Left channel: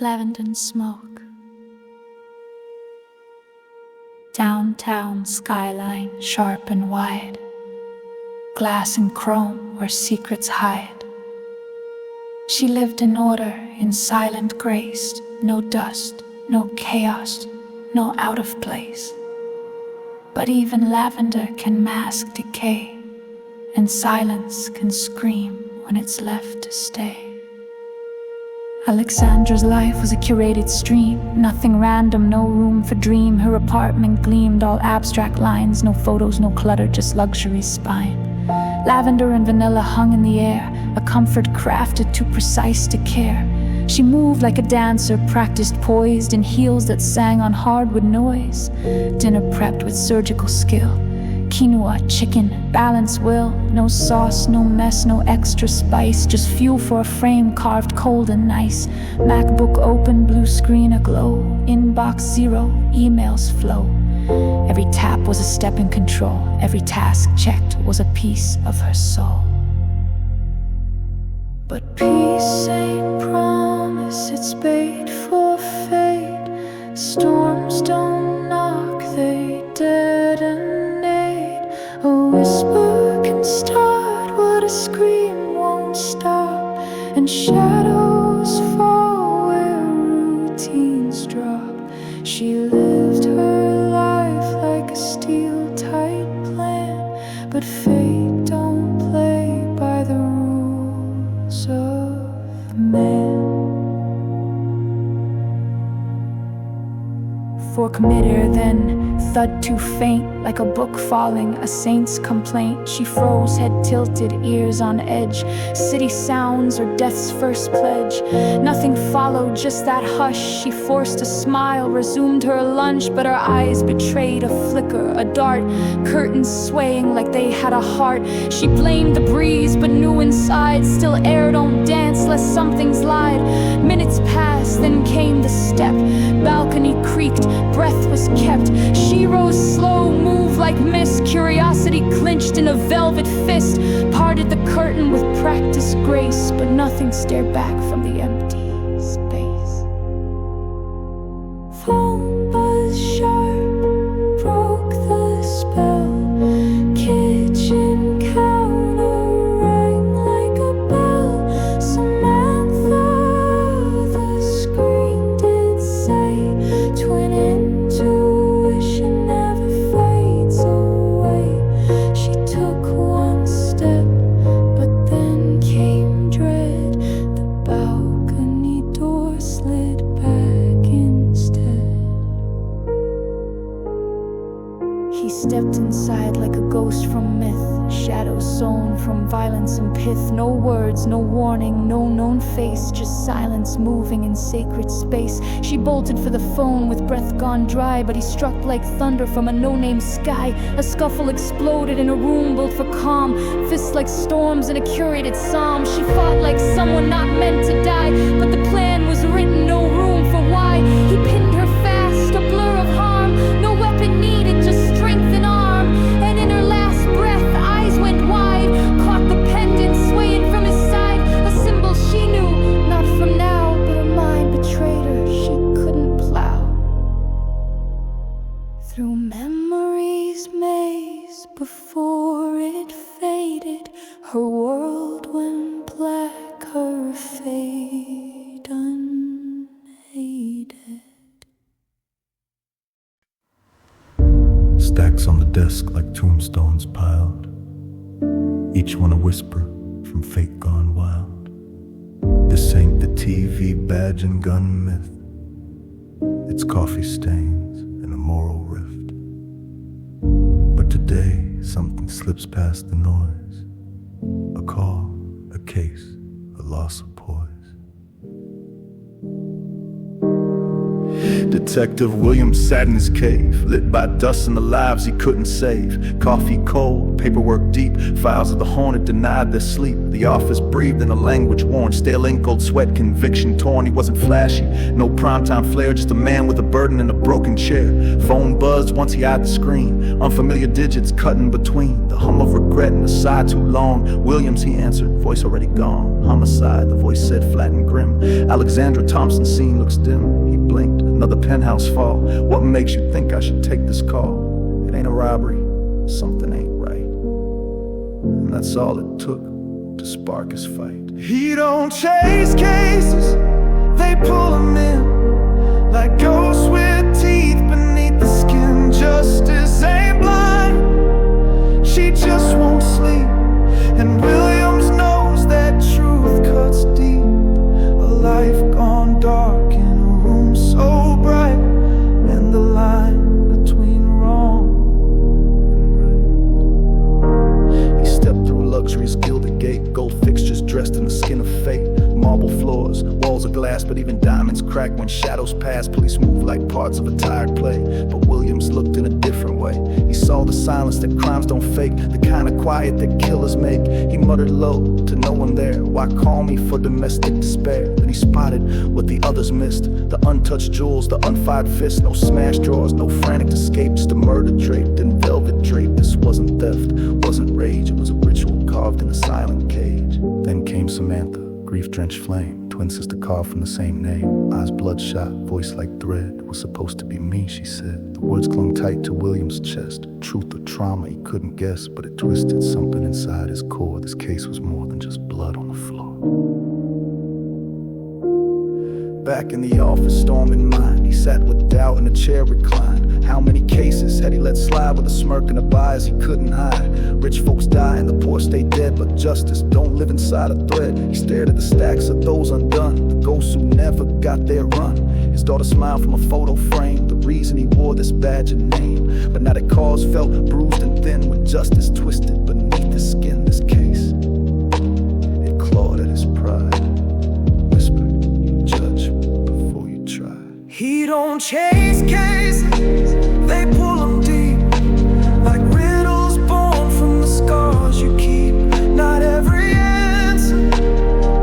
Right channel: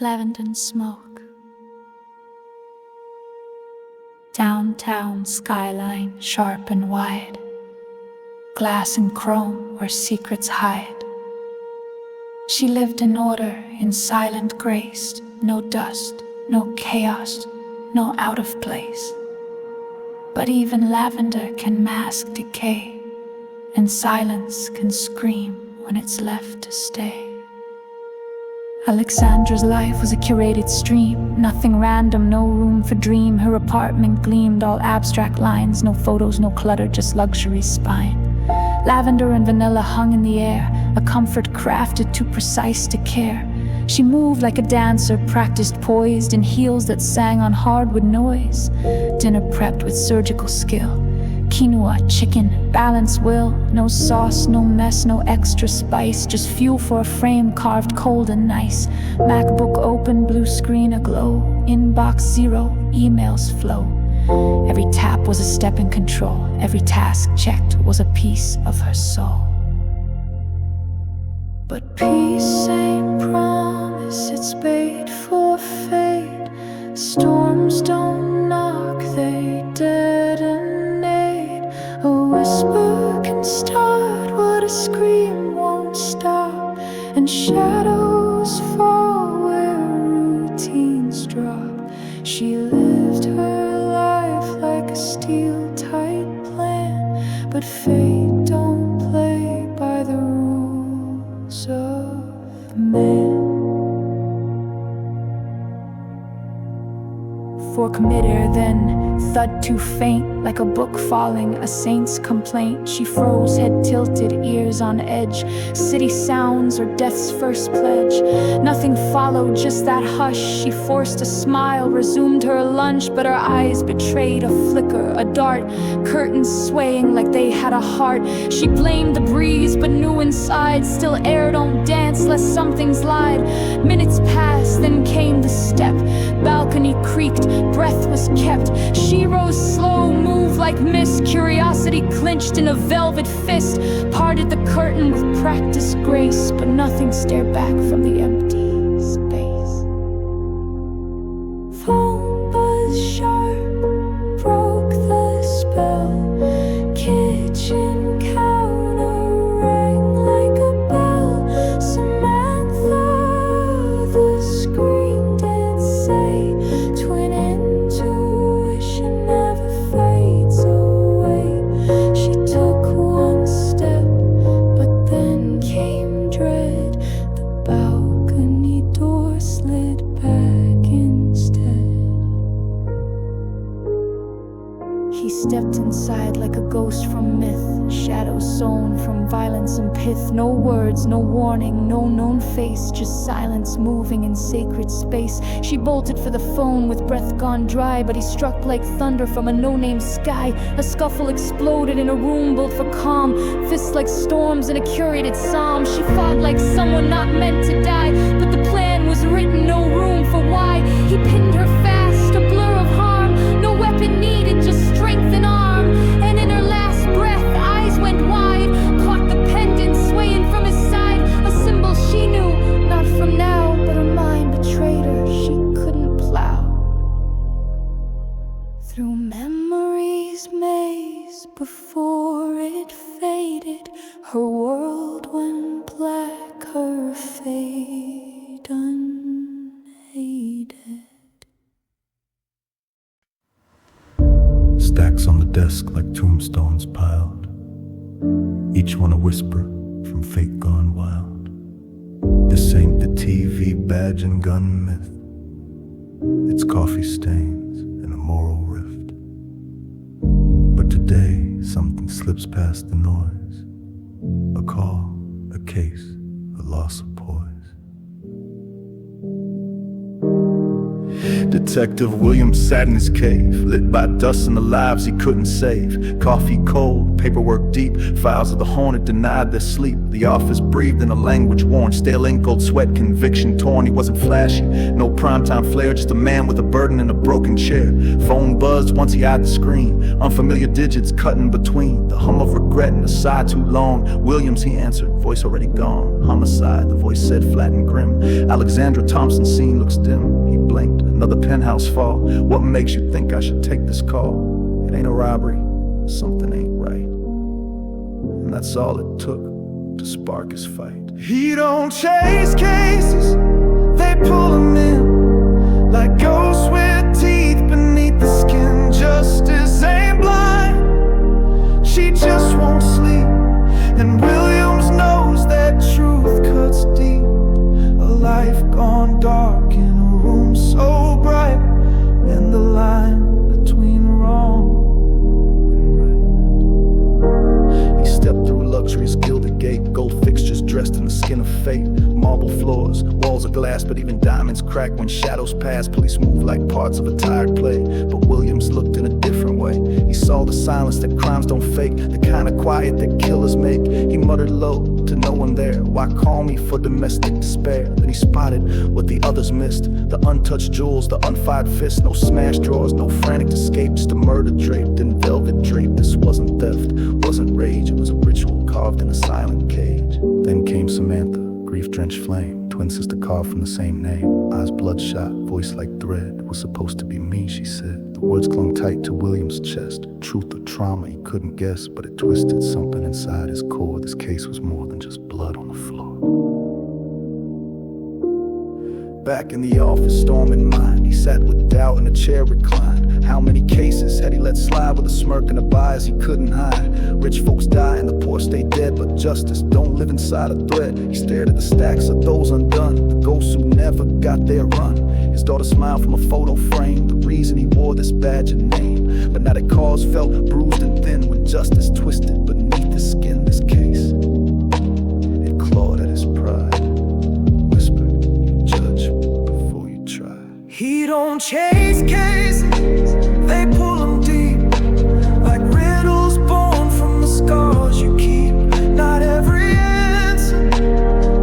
lavender smoke. Downtown skyline sharp and wide, glass and chrome where secrets hide. She lived in order, in silent grace, no dust, no chaos, no out of place. But even lavender can mask decay, and silence can scream when it's left to stay. Alexandra's life was a curated stream, nothing random, no room for dream. Her apartment gleamed, all abstract lines, no photos, no clutter, just luxury spine. Lavender and vanilla hung in the air, a comfort crafted too precise to care. She moved like a dancer, practiced poised in heels that sang on hardwood noise. Dinner prepped with surgical skill, quinoa, chicken, balance will. No sauce, no mess, no extra spice, just fuel for a frame carved cold and nice. MacBook open, blue screen aglow, inbox zero, emails flow. Every tap was a step in control, every task checked was a piece of her soul. But peace ain't promise, it's bait for fate. Storms don't knock, they detonate. A whisper can start what a scream won't stop, and shadows fall where routines drop. She lived her life like a steel-tight plan, but fate don't play by the rules of man. Fork midair, then thud too faint, like a book falling, a saint's complaint. She froze, head tilted, ears on edge. City sounds or death's first pledge. Nothing followed, just that hush. She forced a smile, resumed her lunch, but her eyes betrayed a flicker, a dart. Curtains swaying like they had a heart. She blamed the breeze, but knew inside, still air don't dance lest something's lied. Minutes passed, then came the step. Balcony creaked, breath was kept. She rose slow, moved like mist. Curiosity clenched in a velvet fist. Parted the curtain with practiced grace, but nothing stared back from the empty space. Phone buzz sharp, broke the spell. Kitchen counter rang like a bell. Samantha, the screen did say, twin intuition never fades away. She took one step, but then came dread. The balcony door slid back instead. He stepped inside like a ghost from myth, shadows sown from violence and pith. No words, no warning, no known face, just silence moving in sacred space. She bolted for the phone with breath gone dry, but he struck like thunder from a no-name sky. A scuffle exploded in a room built for calm, fists like storms in a curated psalm. She fought like someone not meant to die, but the plan was written, no room for why. He pinned her fast, a blur of harm, no weapon needed, just strength and arm. And in her last breath, eyes went wide, caught the pendant swaying from his side. A symbol she knew, not from now, but her mind betrayed her, she couldn't plow. Through memory's maze, before it faded, her world went black, her fate unaided. Stacks on the desk like tombstones piled, each one a whisper from fate gone wild. This ain't the TV badge and gun myth, it's coffee stains and a moral rift. But today something slips past the noise, a call, a case, a loss of poise. Detective Williams sat in his cave, lit by dust and the lives he couldn't save. Coffee cold, paperwork deep, files of the haunted denied their sleep. The office breathed in a language worn, stale ink, cold sweat, conviction torn. He wasn't flashy, no primetime flair, just a man with a burden in a broken chair. Phone buzzed once he eyed the screen, unfamiliar digits cut in between. The hum of regret and a sigh too long. Williams, he answered, voice already gone. Homicide, the voice said, flat and grim. Alexandra Thompson, scene looks dim. He blinked, another penthouse fall. What makes you think I should take this call? It ain't a robbery, something ain't right. And that's all it took to spark his fight. He don't chase cases, they pull him in like ghosts with teeth beneath the skin. Justice ain't blind, she just won't sleep. And Williams knows that truth cuts deep. A life gone dark in a room so bright, and the line between wrong and right. He stepped through luxury's gilded gate, gold fixtures dressed in the skin of fate. Marble floors, walls of glass, but even diamonds crack when shadows pass. Police move like parts of a tired play, but Williams looked in a different way. He saw the silence that crimes don't fake, the kind of quiet that killers make. He muttered low to no one there, why call me for domestic despair? Then he spotted what the others missed, the untouched jewels, the unfired fists. No smashed drawers, no frantic escape, just a murder draped in velvet drape. This wasn't theft, wasn't rage, it was a ritual carved in a silent cage. Then came Samantha, grief-drenched flame, twin sister carved from the same name. Eyes bloodshot, voice like thread. It was supposed to be me, she said. The words clung tight to Williams' chest. Truth or trauma he couldn't guess, but it twisted something inside his core. This case was more than just blood on the floor. Back in the office, storm in mind, he sat with doubt in a chair reclined. How many cases had he let slide with a smirk and a bias he couldn't hide? Rich folks die and the poor stay dead, but justice don't live inside a thread. He stared at the stacks of those undone, the ghosts who never got their run. His daughter smiled from a photo frame, the reason he wore this badge and name. But now that cause felt bruised and thin when justice twisted beneath his skin. This case, it clawed at his pride, whispered, you judge before you try. He don't chase cases, they pull him deep, like riddles born from the scars you keep. Not every answer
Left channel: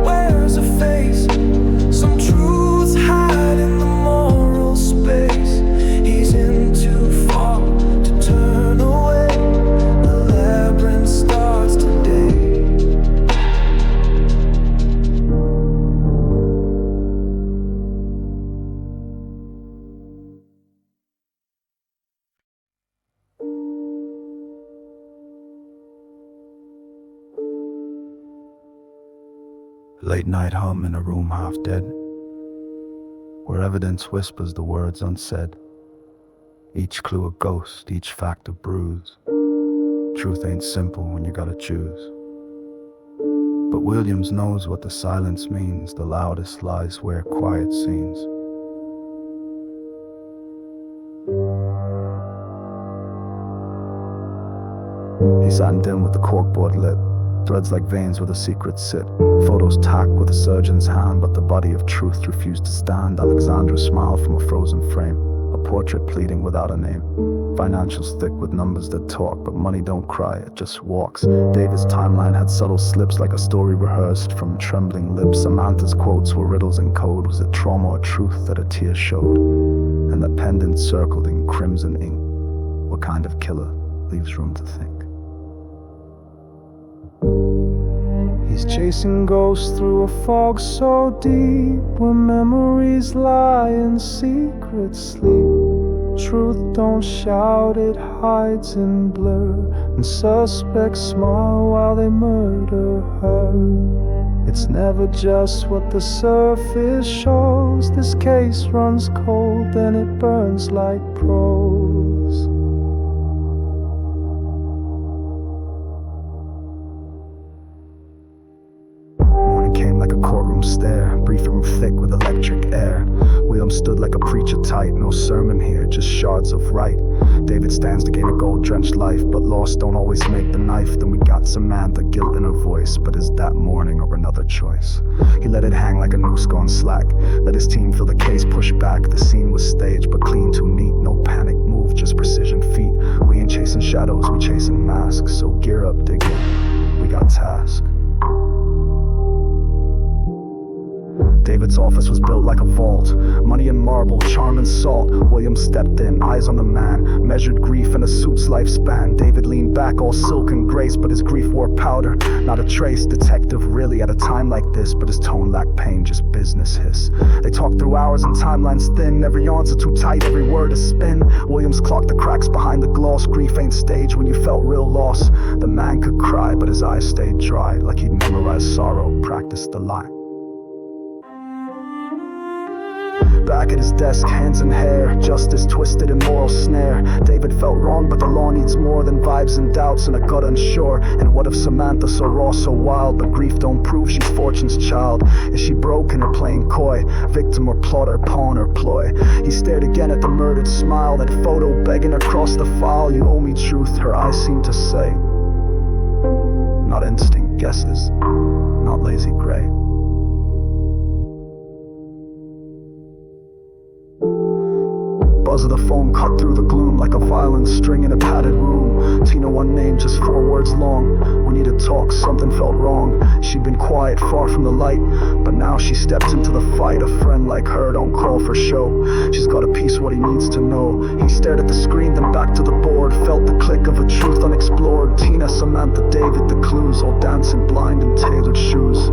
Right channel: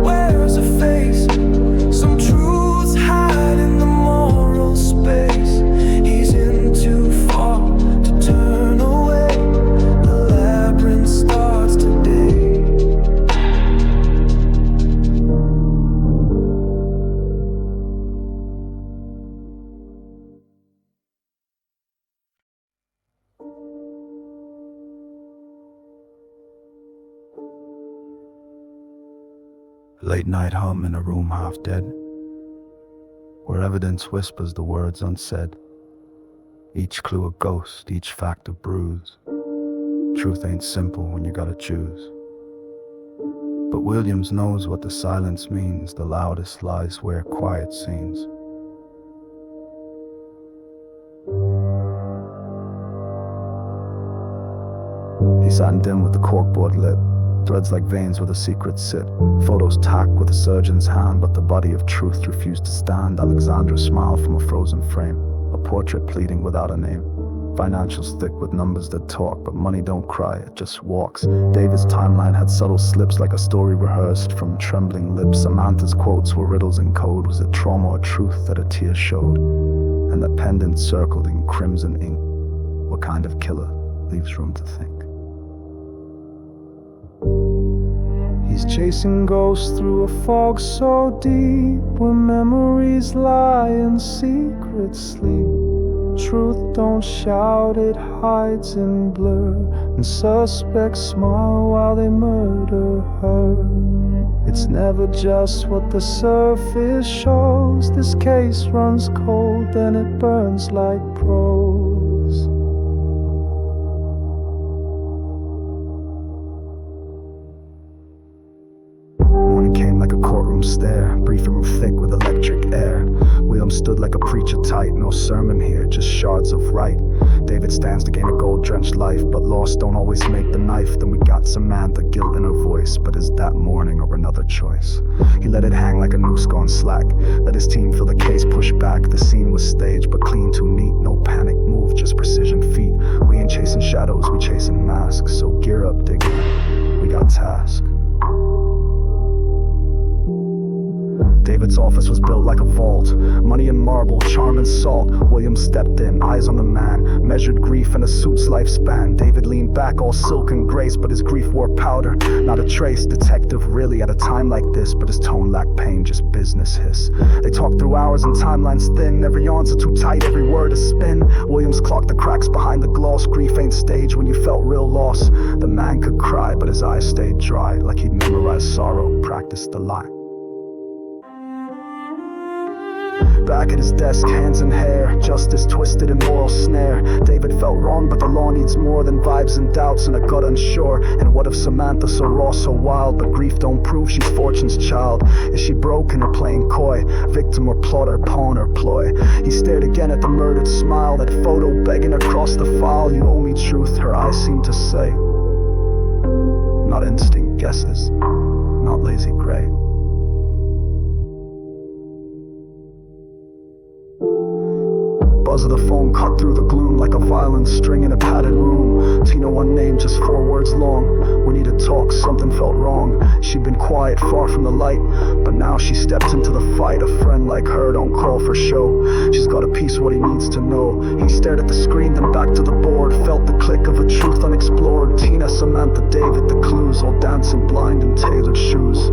wears a face, some truths hide in the moral space. He's in too far to turn away, the labyrinth starts today. Late night hum in a room half dead, where evidence whispers the words unsaid. Each clue a ghost, each fact a bruise. Truth ain't simple when you gotta choose. But Williams knows what the silence means. The loudest lies wear quiet scenes. He sat in dim with the corkboard lit, threads like veins where the secrets sit. Photos tack with a surgeon's hand, but the body of truth refused to stand. Alexandra smiled from a frozen frame, a portrait pleading without a name. Financials thick with numbers that talk, but money don't cry, it just walks. David's timeline had subtle slips like a story rehearsed from trembling lips. Samantha's quotes were riddles in code. Was it trauma or truth that a tear showed? And the pendant circled in crimson ink. What kind of killer leaves room to think? He's chasing ghosts through a fog so deep, where memories lie and secrets sleep. Truth don't shout, it hides in blur, and suspects smile while they murder her. It's never just what the surface shows. This case runs cold and it burns like prose. came like a courtroom stare, briefing room thick with electric air. William stood like a preacher tight, no sermon here, just shards of right. David stands to gain a gold-drenched life, but lost don't always make the knife. Then we got Samantha, guilt in her voice, but is that morning or another choice? He let it hang like a noose gone slack, let his team feel the case push back. The scene was staged, but clean too neat, no panic move, just precision feet. We ain't chasing shadows, we chasing masks, so gear up, dig in, we got task. David's office was built like a vault, money and marble, charm and salt. William stepped in, eyes on the man, measured grief and a suit's lifespan. David leaned back, all silk and grace, but his grief wore powder, not a trace. Detective really at a time like this, but his tone lacked pain, just business hiss. They talked through hours and timelines thin, every answer too tight, every word a spin. Williams clocked the cracks behind the gloss, grief ain't staged when you felt real loss. The man could cry, but his eyes stayed dry, like he'd memorized sorrow, practiced the lie. Back at his desk, hands in hair, justice twisted in moral snare. David felt wrong, but the law needs more than vibes and doubts and a gut unsure. And what if Samantha, so raw, so wild, but grief don't prove she's fortune's child? Is she broken or playing coy, victim or plotter, pawn or ploy? He stared again at the murdered smile, that photo begging across the file. You owe me truth, her eyes seemed to say. Not instinct guesses, not lazy gray. Buzz of the phone cut through the gloom like a violin string in a padded room. Tina, one name, just 4 words long. We need to talk, something felt wrong. She'd been quiet, far from the light, but now she steps into the fight. A friend like her don't call for show. She's got a piece of what he needs to know. He stared at the screen, then back to the board. Felt the click of a truth unexplored. Tina, Samantha, David, the clues, all dancing blind in tailored shoes.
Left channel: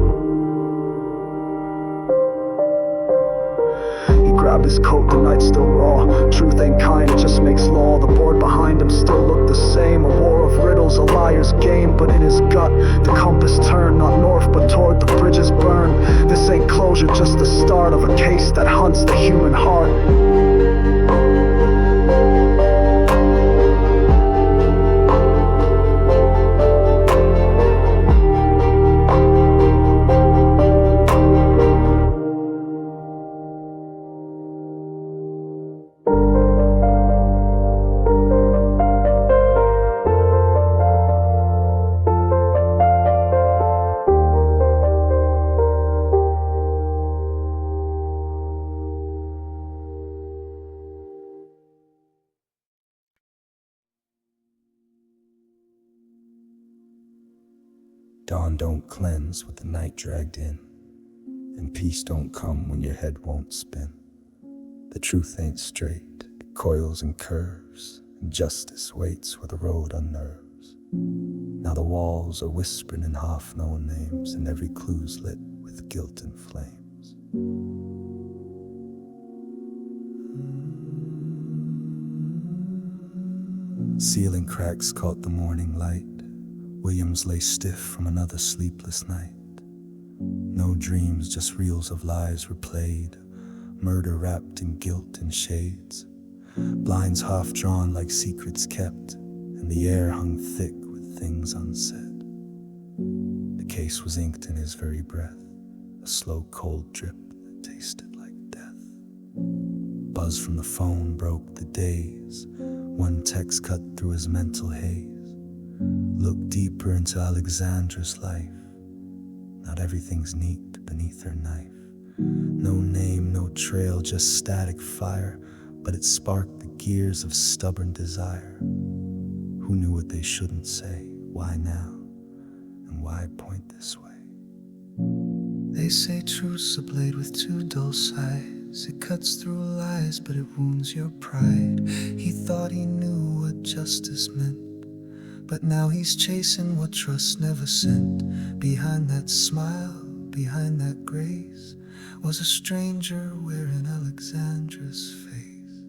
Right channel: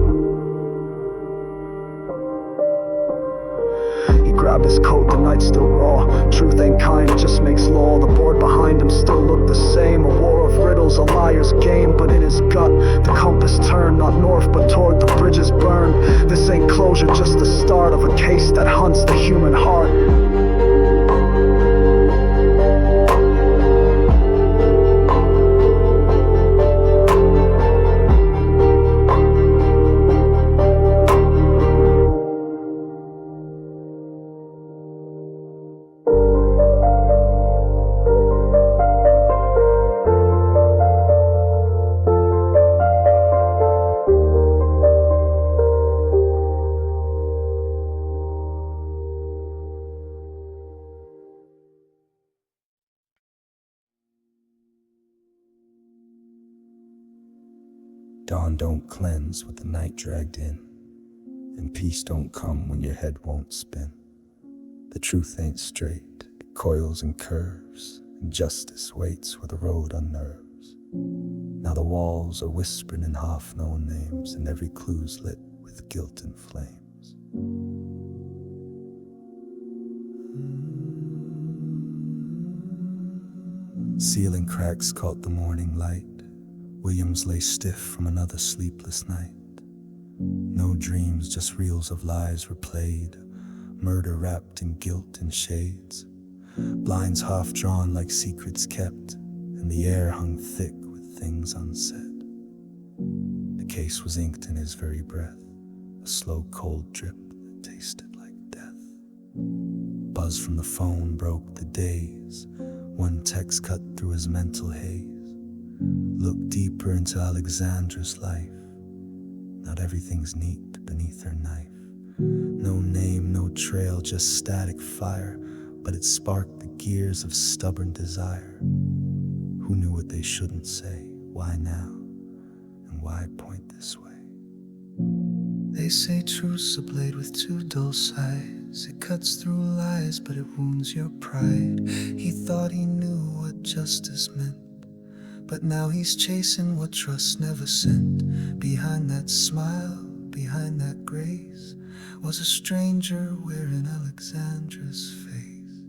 Grabbed his coat, the night's still raw. Truth ain't kind, it just makes law. The board behind him still looked the same. A war of riddles, a liar's game. But in his gut, the compass turned, not north but toward the bridges burned. This ain't closure, just the start of a case that hunts the human heart. Dawn don't cleanse with the night dragged in, and peace don't come when your head won't spin. The truth ain't straight, it coils and curves, and justice waits where the road unnerves. Now the walls are whispering in half-known names, and every clue's lit with guilt and flames. Ceiling cracks caught the morning light. Williams lay stiff from another sleepless night. No dreams, just reels of lies replayed, murder wrapped in guilt and shades. Blinds half drawn like secrets kept, and the air hung thick with things unsaid. The case was inked in his very breath, a slow cold drip that tasted like death. Buzz from the phone broke the daze, one text cut through his mental haze. Look deeper into Alexandra's life. Not everything's neat beneath her knife. No name, no trail, just static fire, but it sparked the gears of stubborn desire. Who knew what they shouldn't say? Why now? And why point this way? They say truth's a blade with 2 dull sides. It cuts through lies, but it wounds your pride. He thought he knew what justice meant, but now he's chasing what trust never sent. Behind that smile, behind that grace, was a stranger wearing Alexandra's face.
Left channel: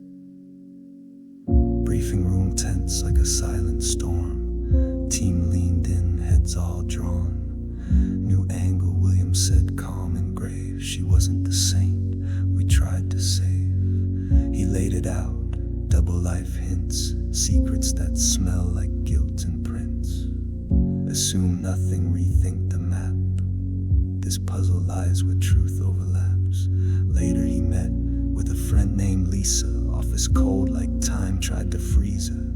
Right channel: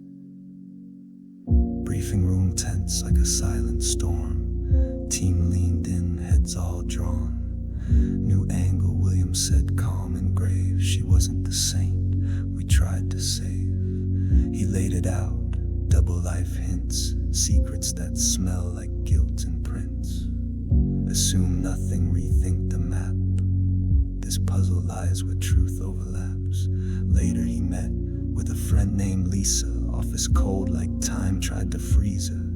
Briefing room tense like a silent storm. Team leaned in, heads all drawn. New angle, William said, calm and grave. She wasn't the saint we tried to save. He laid it out, double life hints, secrets that smell like guilt and prints. Assume nothing, rethink the map. This This puzzle lies where truth overlaps. Later he met with a friend named Lisa. Office cold like time tried to freeze her.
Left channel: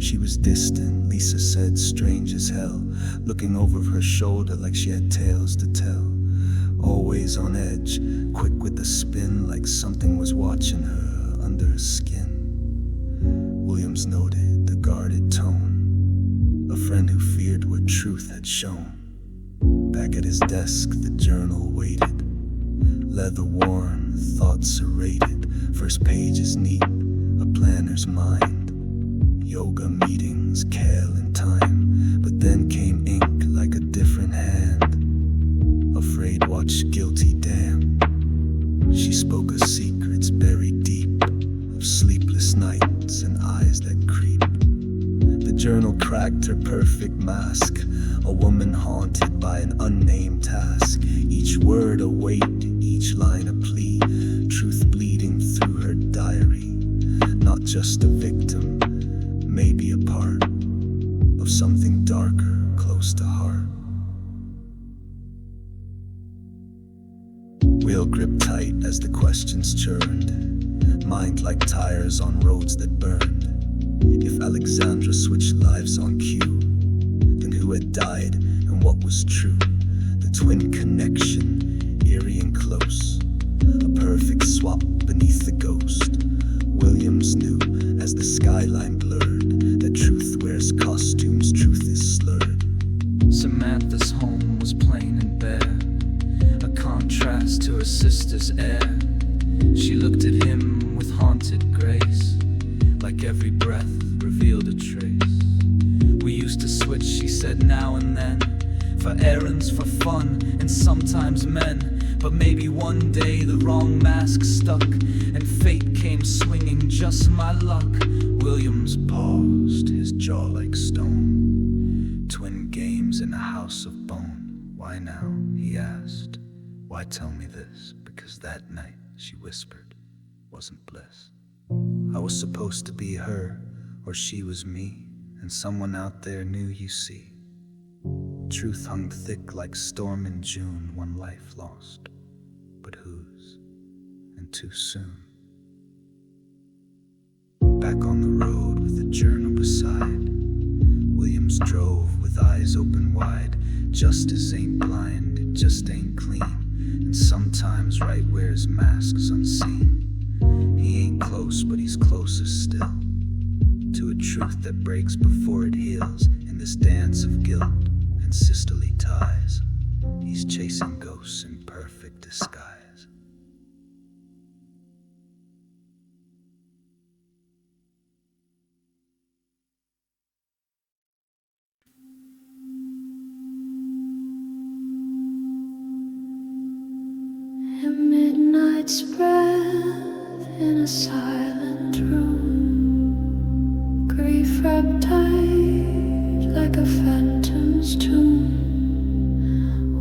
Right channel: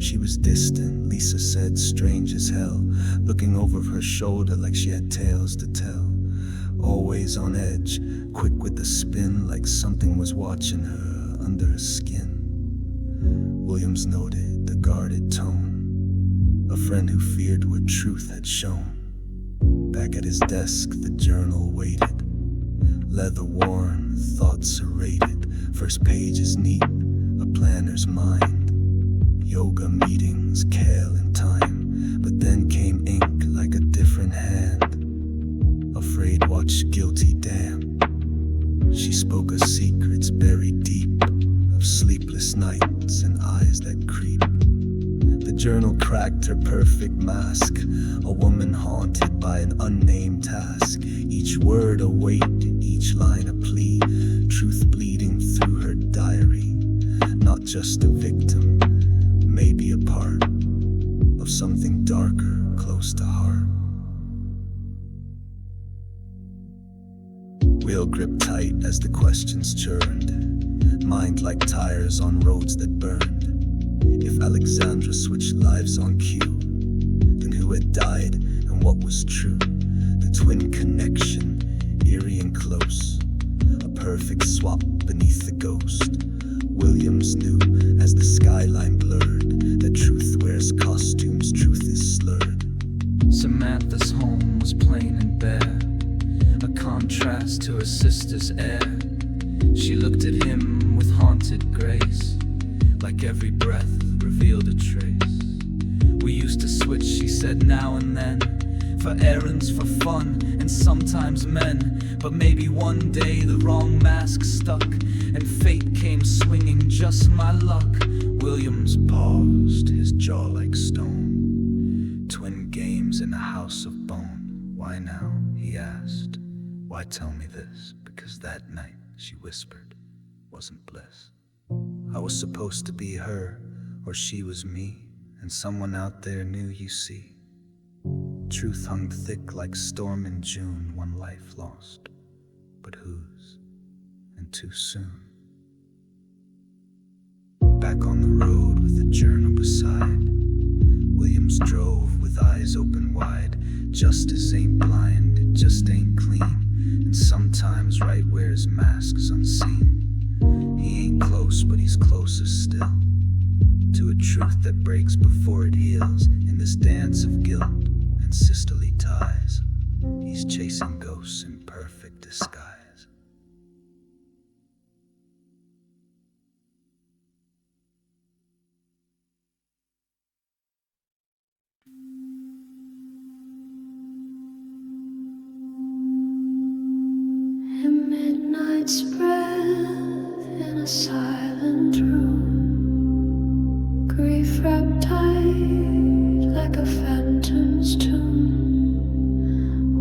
She was distant, Lisa said, strange as hell, looking over her shoulder like she had tales to tell. Always on edge, quick with the spin, like something was watching her under her skin. Williams noted the guarded tone, a friend who feared what truth had shown. Back at his desk, the journal waited, leather worn, thoughts serrated. First page is neat, a planner's mind. Yoga meetings, kale and thyme. But then came ink like a different hand. Afraid watch guilty damn. She spoke of secrets buried deep, of sleepless nights and eyes that creep. The journal cracked her perfect mask, a woman haunted by an unnamed task. Each word a weight, each line a plea, truth bleeding through her diary. Not just a victim, maybe a part of something darker, close to heart. Wheel gripped tight as the questions churned, mind like tires on roads that burned. If Alexandra switched lives on cue, then who had died and what was true? The twin connection, eerie and close, a perfect swap beneath the ghost. Williams knew as the skyline blurred that truth wears costumes, truth is slurred. Samantha's home was plain and bare, a contrast to her sister's air. She looked at him with haunted grace, like every breath revealed a trace. We used to switch, she said, now and then, for errands, for fun, and sometimes men. But maybe one day the wrong mask stuck, and fate came swinging, just my luck. Williams paused, his jaw like stone. Twin games in a house of bone. Why now? He asked. Why tell me this? Because that night, she whispered, wasn't bliss. I was supposed to be her, or she was me, and someone out there knew, you see. Truth hung thick like storm in June, one life lost, but whose? And too soon. Back on the road with the journal beside, Williams drove with eyes open wide. Justice ain't blind, it just ain't clean, and sometimes right where his mask's unseen. He ain't close, but he's closer still to a truth that breaks before it heals. In this dance of guilt and sisterly ties, he's chasing ghosts in perfect disguise. A midnight's breath in a silent room, grief wrapped tight like a phantom's tomb.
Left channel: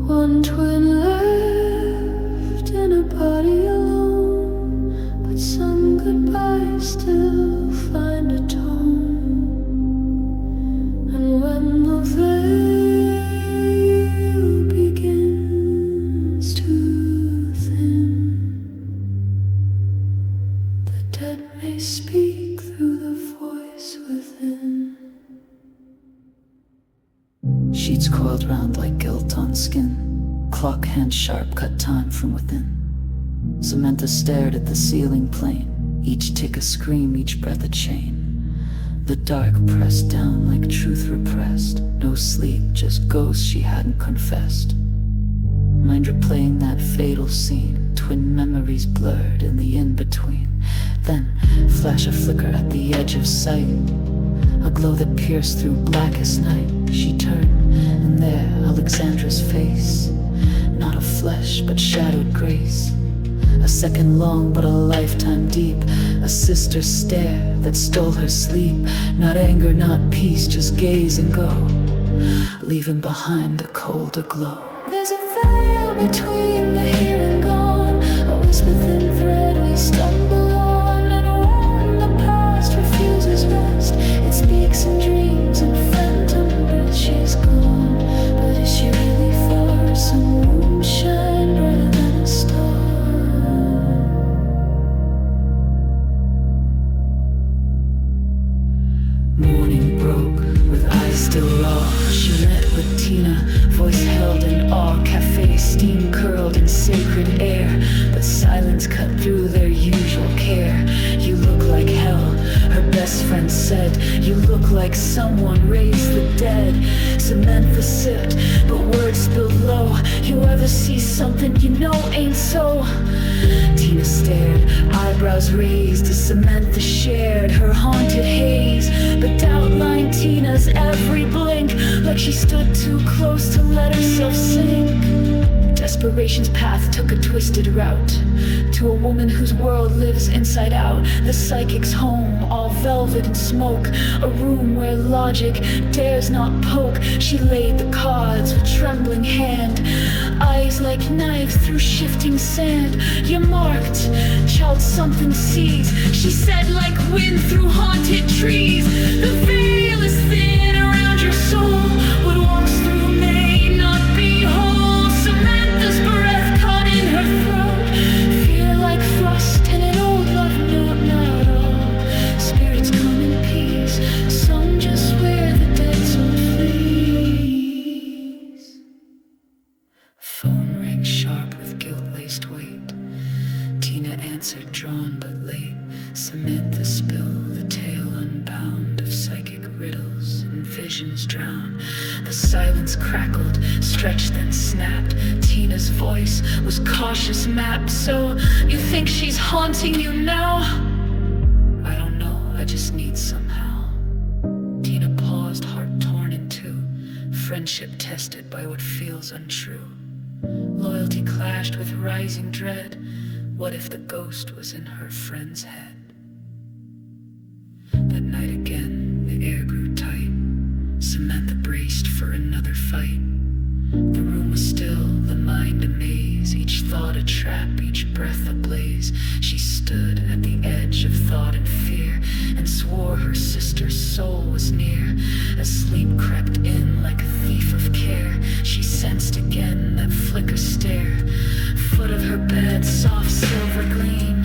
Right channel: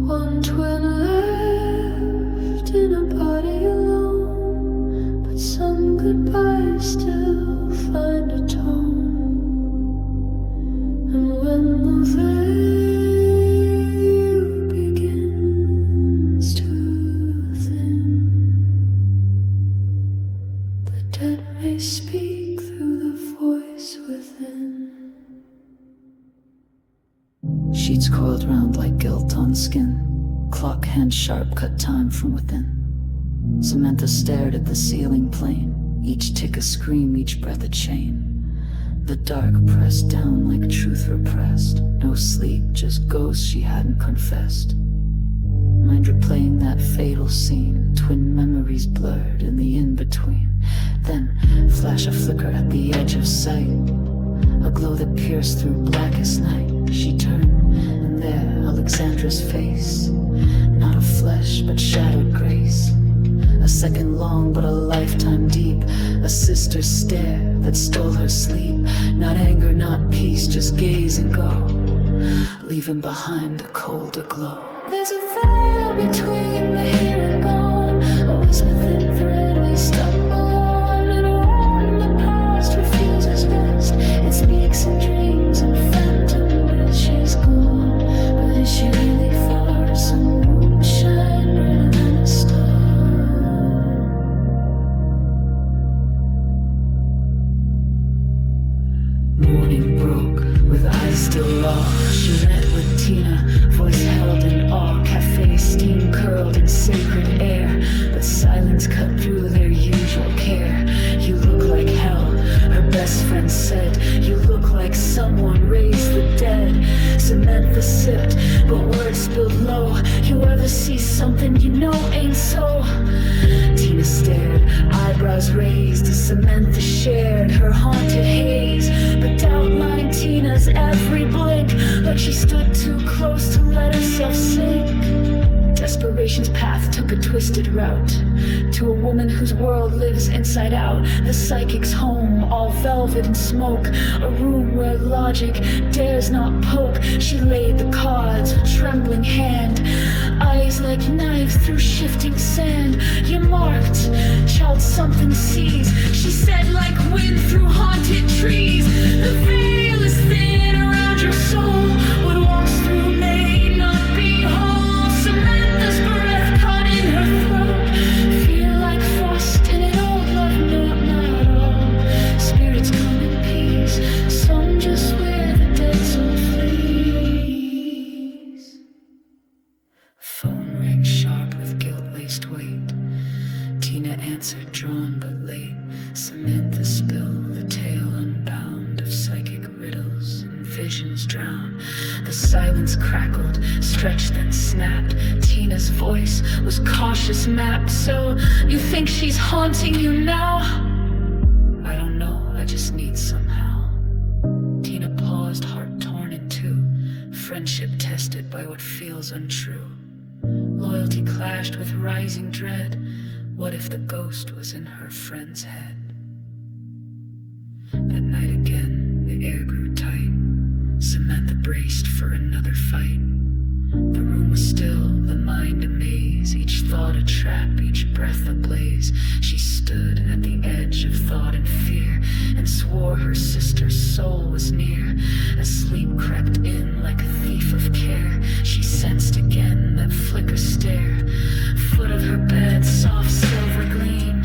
One twin left in a body alone, but some goodbyes still find a tone. And when the veil begins to thin, the dead may speak through the voice within. Sheets coiled round like guilt on skin, clock hand sharp cut time from within. Samantha stared at the ceiling plane, each tick a scream, each breath a chain. The dark pressed down like truth repressed, no sleep, just ghosts she hadn't confessed. Mind replaying that fatal scene, twin memories blurred in the in-between. Then, flash a flicker at the edge of sight, a glow that pierced through blackest night. She turned, and there, Alexandra's face, not of flesh, but shadowed grace. A second long, but a lifetime deep, a sister's stare that stole her sleep. Not anger, not peace, just gaze and go, leaving behind a colder glow. There's a veil between the here and gone, a whisper thin thread we stumble on. And when the past refuses rest, it speaks in dreams and phantom breath. She's gone, but is she really far? Some moonshine Tina, voice held in awe, cafe steam curled in sacred air, but silence cut through their usual care. You look like hell, her best friend said. You look like someone raised the dead. Samantha sipped, but words spilled low. You ever see something you know ain't so? Tina stared, eyebrows raised as Samantha shared her haunted haze. But doubt lined Tina's every blink, like she stood too close to let herself sink. Desperation's path took a twisted route to a woman whose world lives inside out. The psychic's home, all velvet and smoke, a room where logic dares not poke. She laid the cards with trembling hand, eyes like knives through shifting sand. You're marked, child, something sees, she said, like wind through haunted trees. The veil is thin around your soul, what walks through may not be whole. Samantha's breath caught in her throat, fear like frost in an old love note. Not all spirits come in peace, some just wear the dead soul fleece. Phone rang sharp with guilt-laced weight. Tina answered, drawn but late. Samantha spilled the tale unbound of psychic riddles and visions drowned. The silence crackled, stretched, then snapped. Tina's voice was cautious map. So you think she's haunting you now? I don't know, I just need somehow. Tina paused, heart torn in two, friendship tested by what feels untrue. Loyalty clashed with rising dread. What if the ghost was in her friend's head? That night again, the air grew tight. Samantha braced for another fight. The room was still, the mind a maze, each thought a trap, each breath a blaze. She stood at the edge of thought and fear, and swore her sister's soul was near. As sleep crept in like a thief of care, she sensed again that flicker stare. Foot of her bed, soft silver gleam.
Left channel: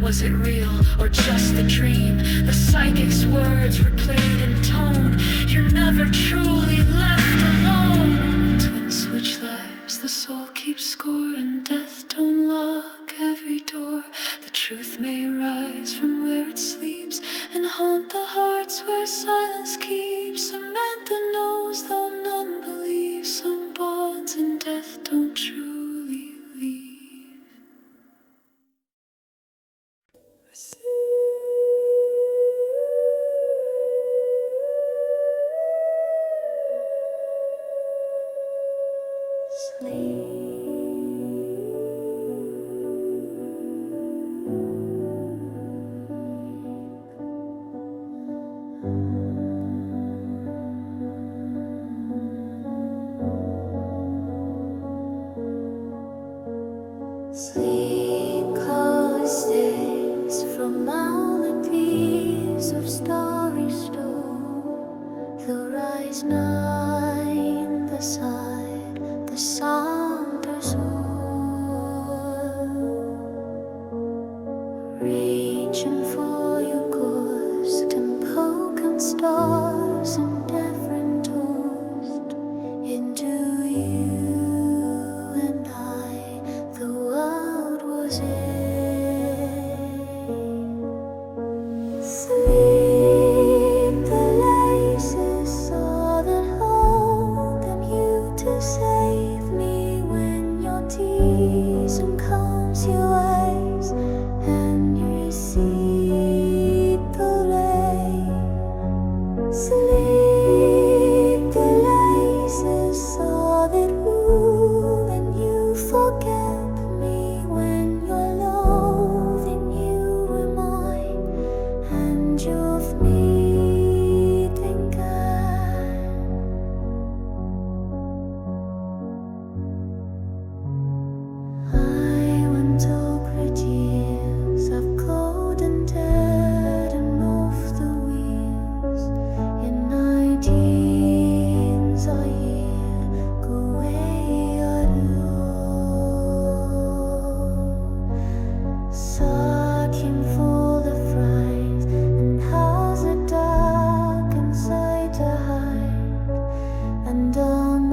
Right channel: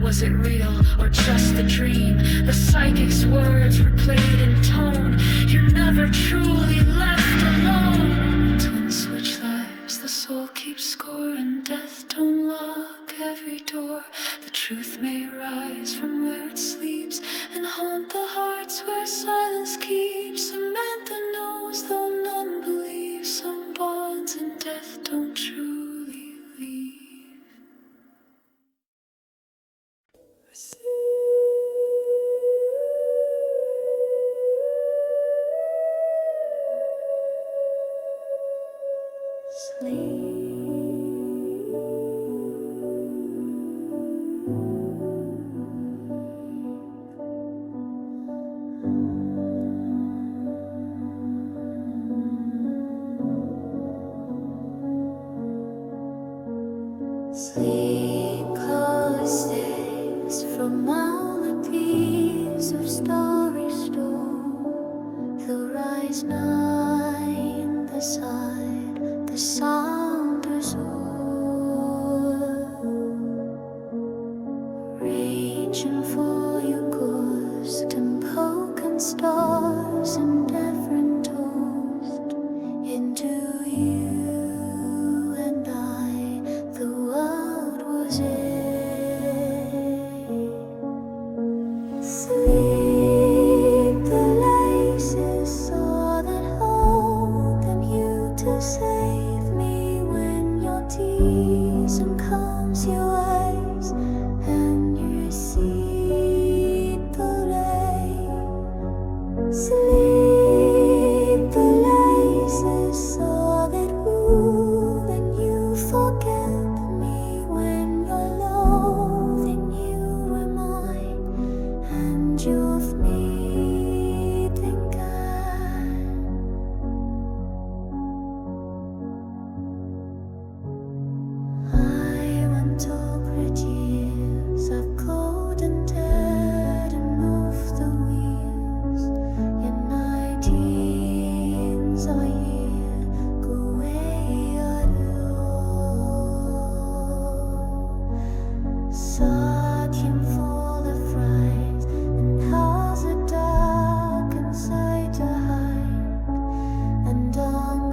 Was it real or just the dream? The psychic's words replayed in tone. You're never truly left alone. Twin switch lives, the soul keeps score, and death don't lock every door. The truth may rise from where it sleeps and haunt the hearts where silence keeps. Samantha knows though none believe, some bonds in death don't truly leave. Sleep close days from all the peace of starry stone. The rise nine beside the Saunders reaching for your ghost and poking stars and different toast into you and I. The world was in sleep. The laces saw that hope and you to save me when your teasing comes your ways and you receive the rain. Sleep. The laces saw that move and you forget. Years of cold and dead and off the wheels. In 19s I hear go away searching for the fright and how's it dark inside to hide and down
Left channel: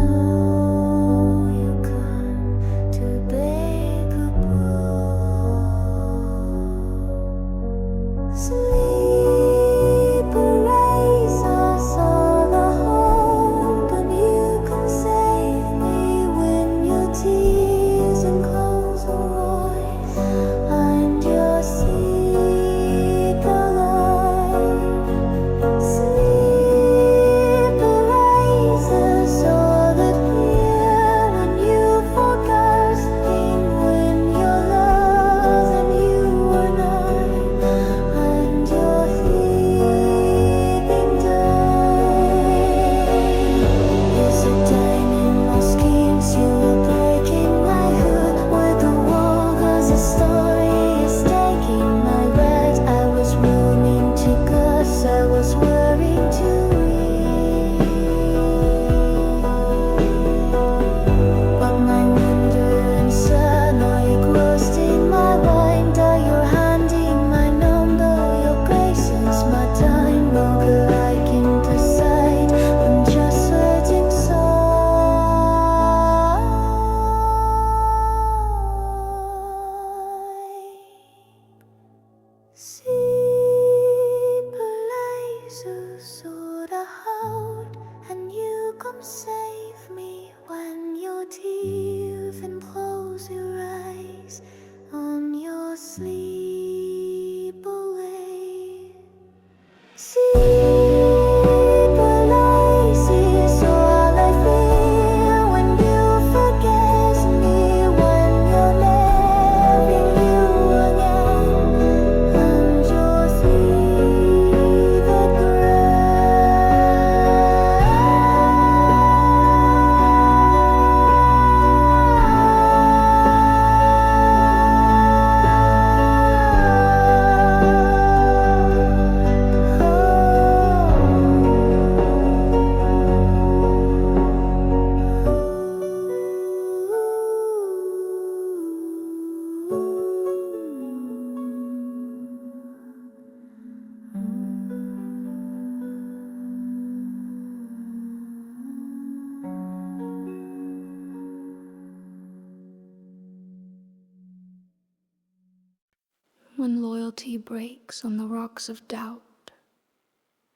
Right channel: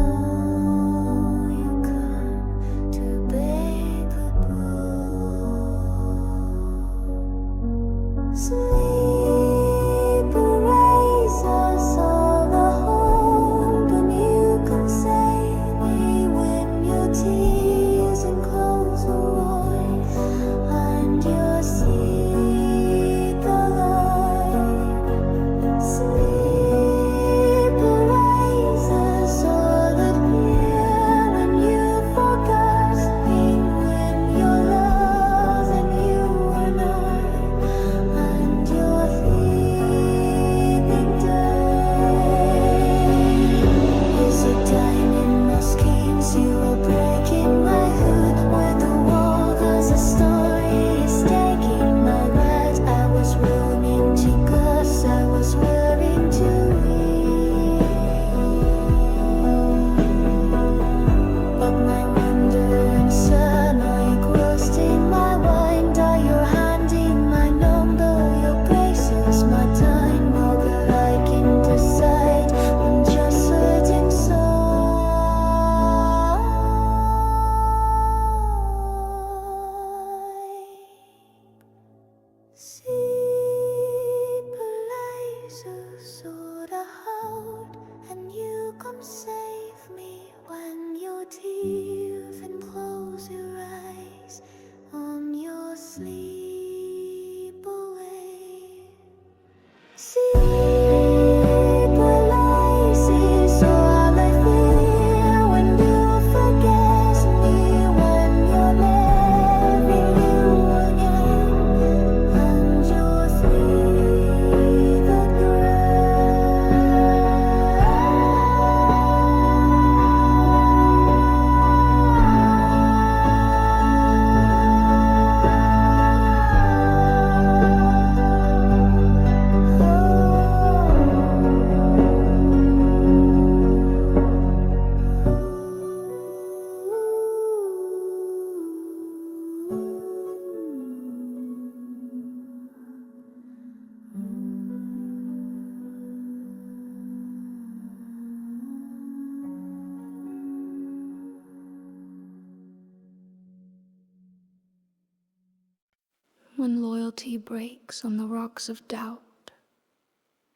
When loyalty breaks on the rocks of doubt,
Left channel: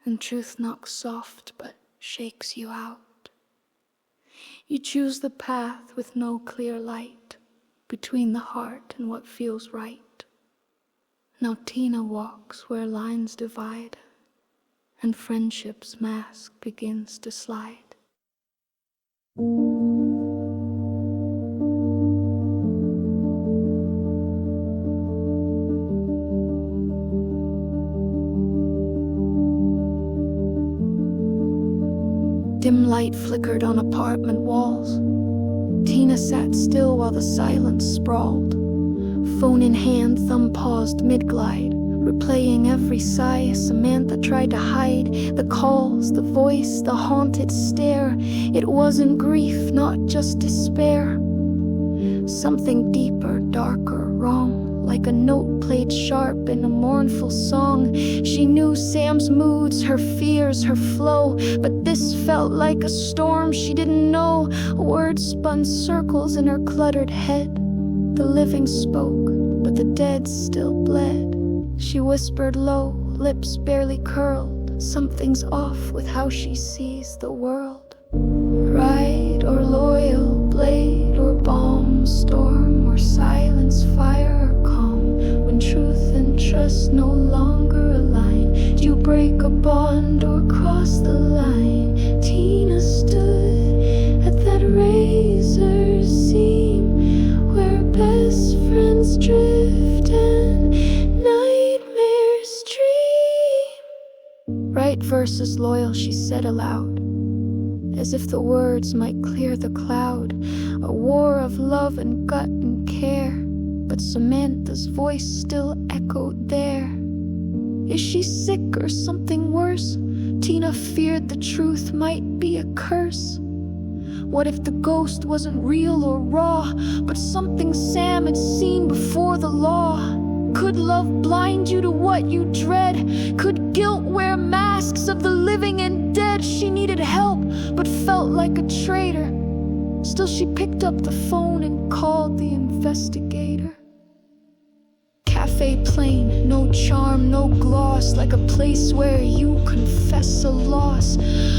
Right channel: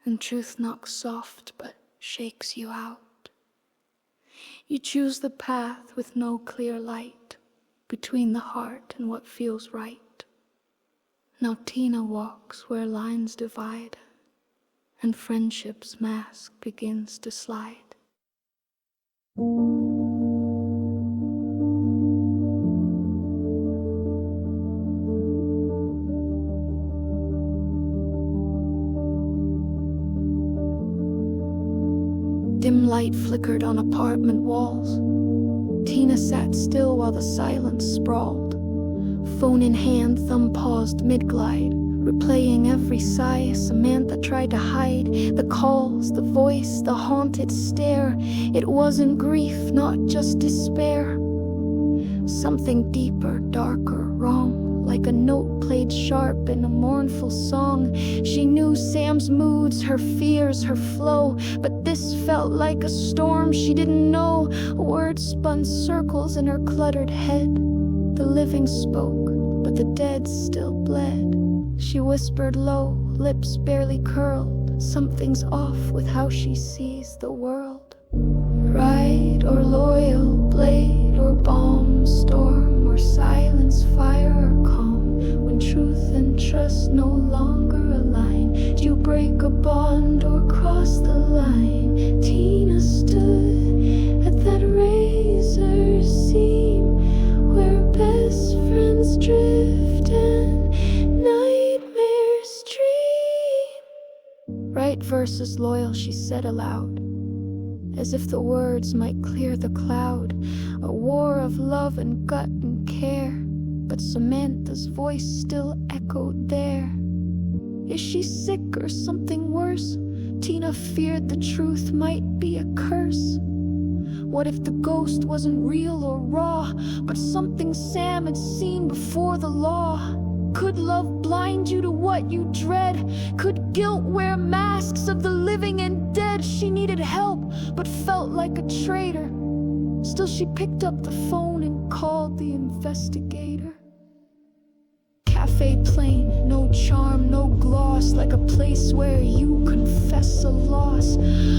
and truth knocks soft but shakes you out, you choose the path with no clear light between the heart and what feels right. Now Tina walks where lines divide, and friendship's mask begins to slide. Dim light flickered on apartment walls. Tina sat still while the silence sprawled. Phone in hand, thumb paused mid-glide, replaying every sigh Samantha tried to hide. The calls, the voice, the haunted stare. It wasn't grief, not just despair. Something deeper, darker, wrong. Like a note played sharp in a mournful song. She knew Sam's moods, her fears, her flow, but this felt like a storm she didn't know. Words spun circles in her cluttered head. The living spoke, but the dead still bled. She whispered low, lips barely curled. Something's off with how she sees the world. Right or loyal, blade or bomb, storm or silence, fire or calm. When truth and trust no longer align, do you break a bond or cross the line? Tina stood at that razor seam where best friends drift and nightmares dream. Right versus loyal, she said aloud, as if the words might clear the cloud. A war of love and gut and care, but Samantha's voice still echoed there. Is she sick or something worse? Tina feared the truth might be a curse. What if the ghost wasn't real or raw, but something Sam had seen before the law? Could love blind you to what you dread? Could guilt wear masks of the living and dead? She needed help, but felt like a traitor. Still she picked up the phone and called the investigator. Cafe plain, no charm, no gloss, like a place where you confess a loss.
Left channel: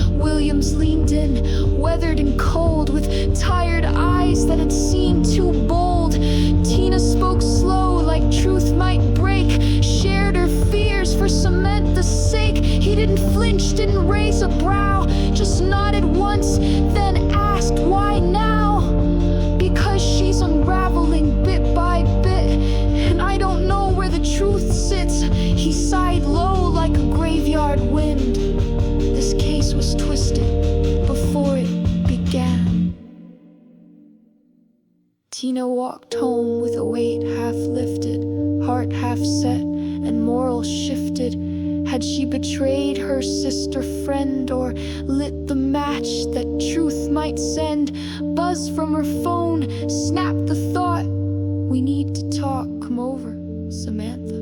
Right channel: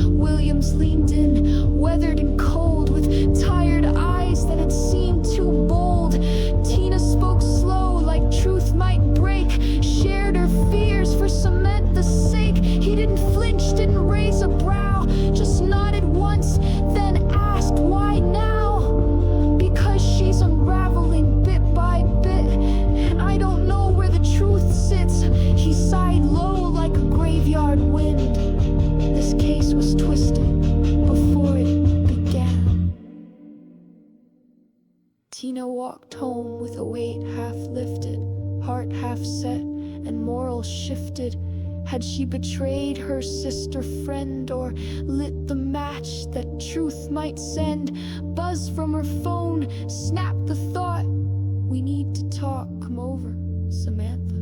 Williams leaned in, weathered and cold, with tired eyes that had seemed too bold. Tina spoke slow, like truth might break, shared her fears for Samantha's sake. He didn't flinch, didn't raise a brow, just nodded once, then asked, why now? Because she's unraveling bit by bit, and I don't know where the truth sits. He sighed low like a graveyard wind. This case was twisted before it began. Tina walked home with a weight half lifted, heart half set, and moral shifted. Had she betrayed her sister friend, or lit the match that truth might send? Buzz from her phone, snapped the thought, we need to talk, come over, Samantha.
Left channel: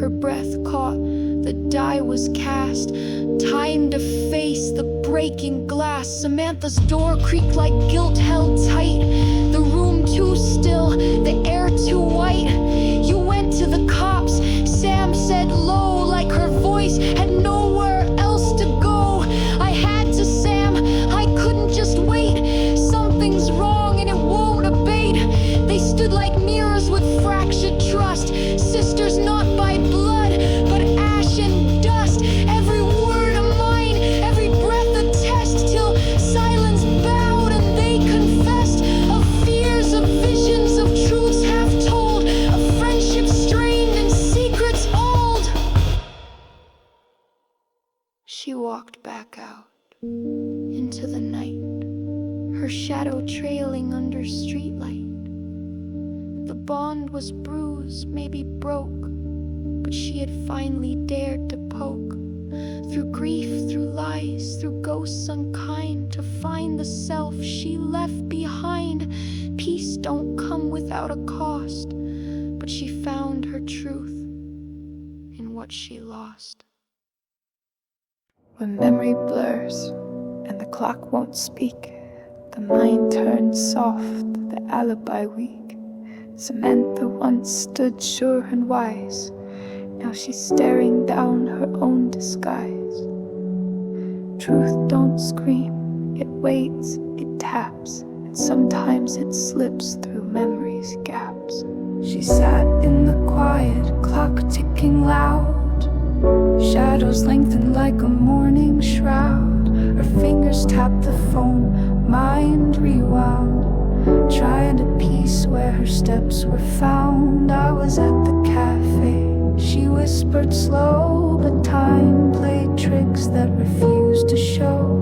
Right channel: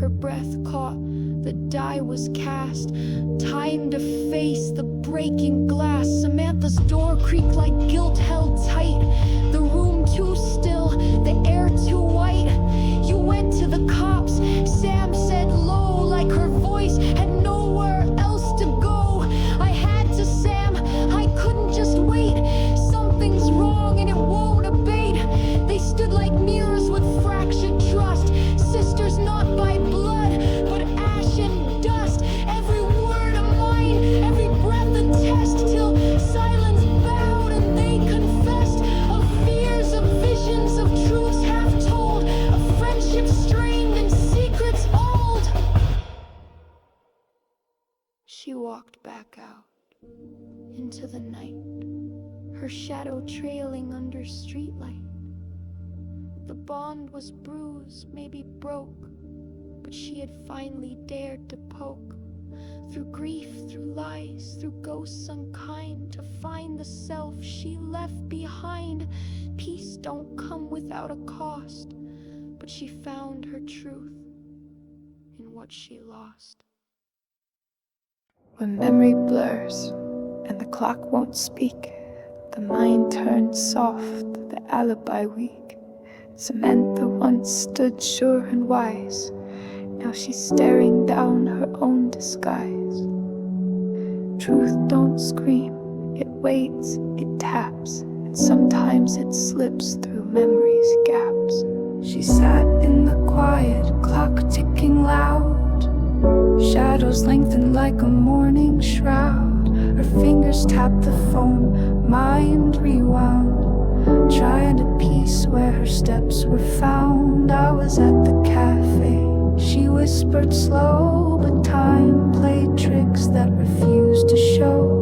Her breath caught, the die was cast, time to face the breaking glass. Samantha's door creaked like guilt held tight, the room too still, the air too white. You went to the cops, Sam said low, like her voice had nowhere else to go. I had to, Sam, I couldn't just wait. Something's wrong and it won't abate. They stood like mirrors with fractured trust, sisters not by blood, but ash and dust. Every word a mine, every breath a test, till silence bowed and they confessed of fears, of visions, of truths half told, of friendships strained and secrets old. She walked back out into the night, her shadow trailing under streetlight. The bond was bruised, maybe broke, but she had finally dared to poke. Through grief, through lies, through ghosts unkind, to find the self she left behind. Peace don't come without a cost, but she found her truth in what she lost. When memory blurs and the clock won't speak, the mind turns soft, the alibi weak. Samantha once stood sure and wise. Now she's staring down her own disguise. Truth don't scream, it waits, it taps, and sometimes it slips through memory's gaps. She sat in the quiet, clock ticking loud. Shadows lengthened like a morning shroud. Her fingers tapped the phone, mind rewound, trying to piece where her steps were found. I was at the cafe, she whispered slow, but time played tricks that refused to show.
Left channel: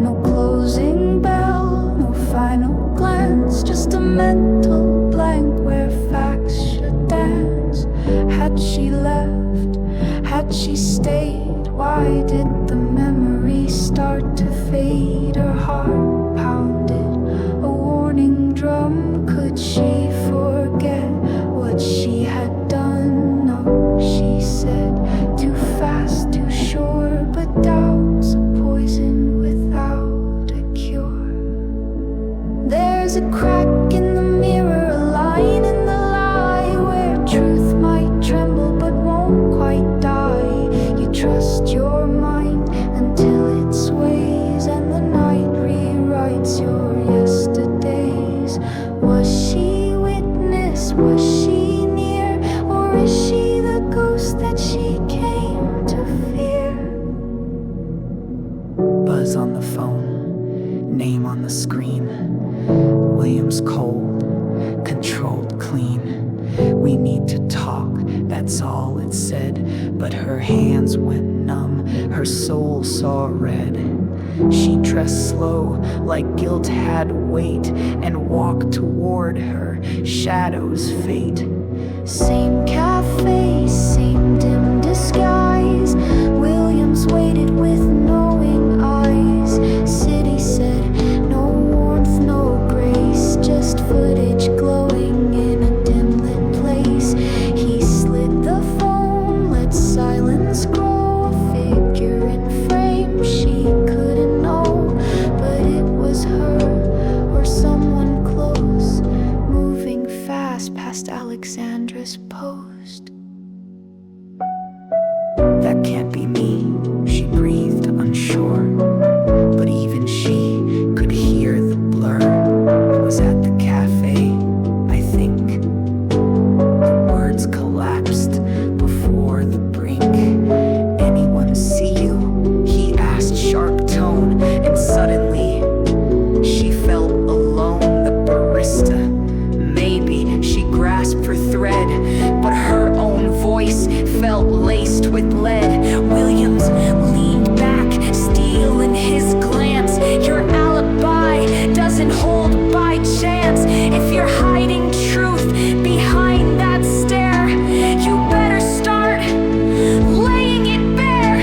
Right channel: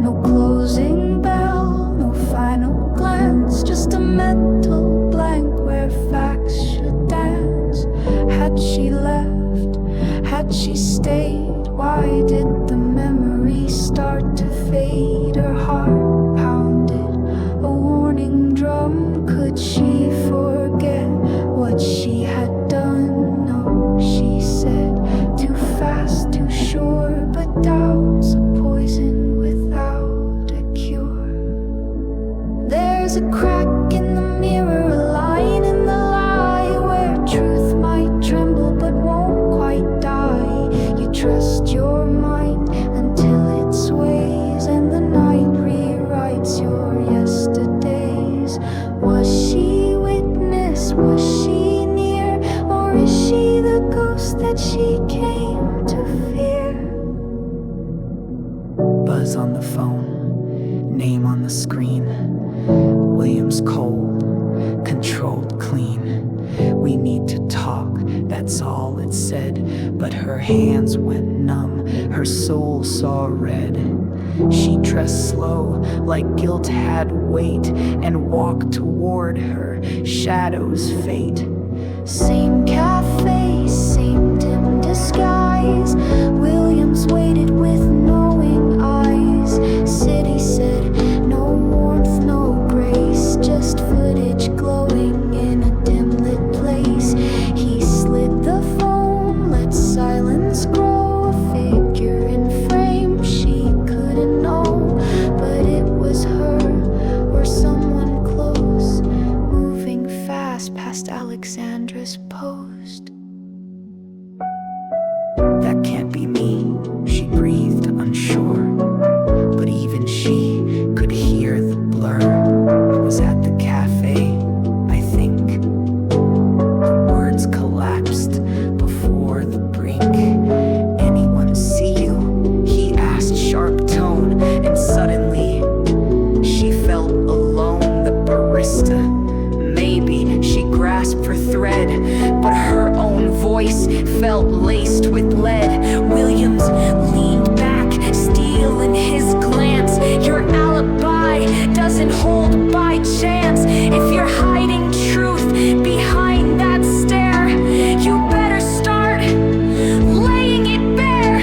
No closing bell, no final glance, just a mental blank where facts should dance. Had she left? Had she stayed? Why did the memory start to fade? Her heart pounded a warning drum. Could she forget what she had done? No, she said, too fast, too sure, but doubt's a poison without a cure. There's a crack in the mirror, a line in the lie, where truth might tremble but won't quite die. You trust your mind until it sways, and the night rewrites your yesterdays. Was she witness? Was she near? Or is she the ghost that she came to fear? Buzz on the phone, name on the screen. William's cold, controlled clean. We need to talk, that's all it said. But her hands went numb, her soul saw red. She dressed slow, like guilt had weight, and walked toward her shadow's fate. Same cafe, same dim disguise. Williams waited with knowing eyes. City said, no warmth, no grace, just footage glowing in a dim lit place. He slid the phone, let silence grow. A figure in frame, she couldn't know, but it was her or someone close, moving fast past Alexandra's post. That can't be me, she breathed, unsure. But even she could hear the blur. I was at the cafe, I think. The words collapsed before the brink. Anyone see you? He asked, sharp tone, and suddenly she felt alone. The barista, maybe she grasped for thread, but her own voice felt laced with lead. Williams leaned back, steel in his glance. Your alibi doesn't hold by chance. If you're hiding truth behind that stare, you better start laying it bare.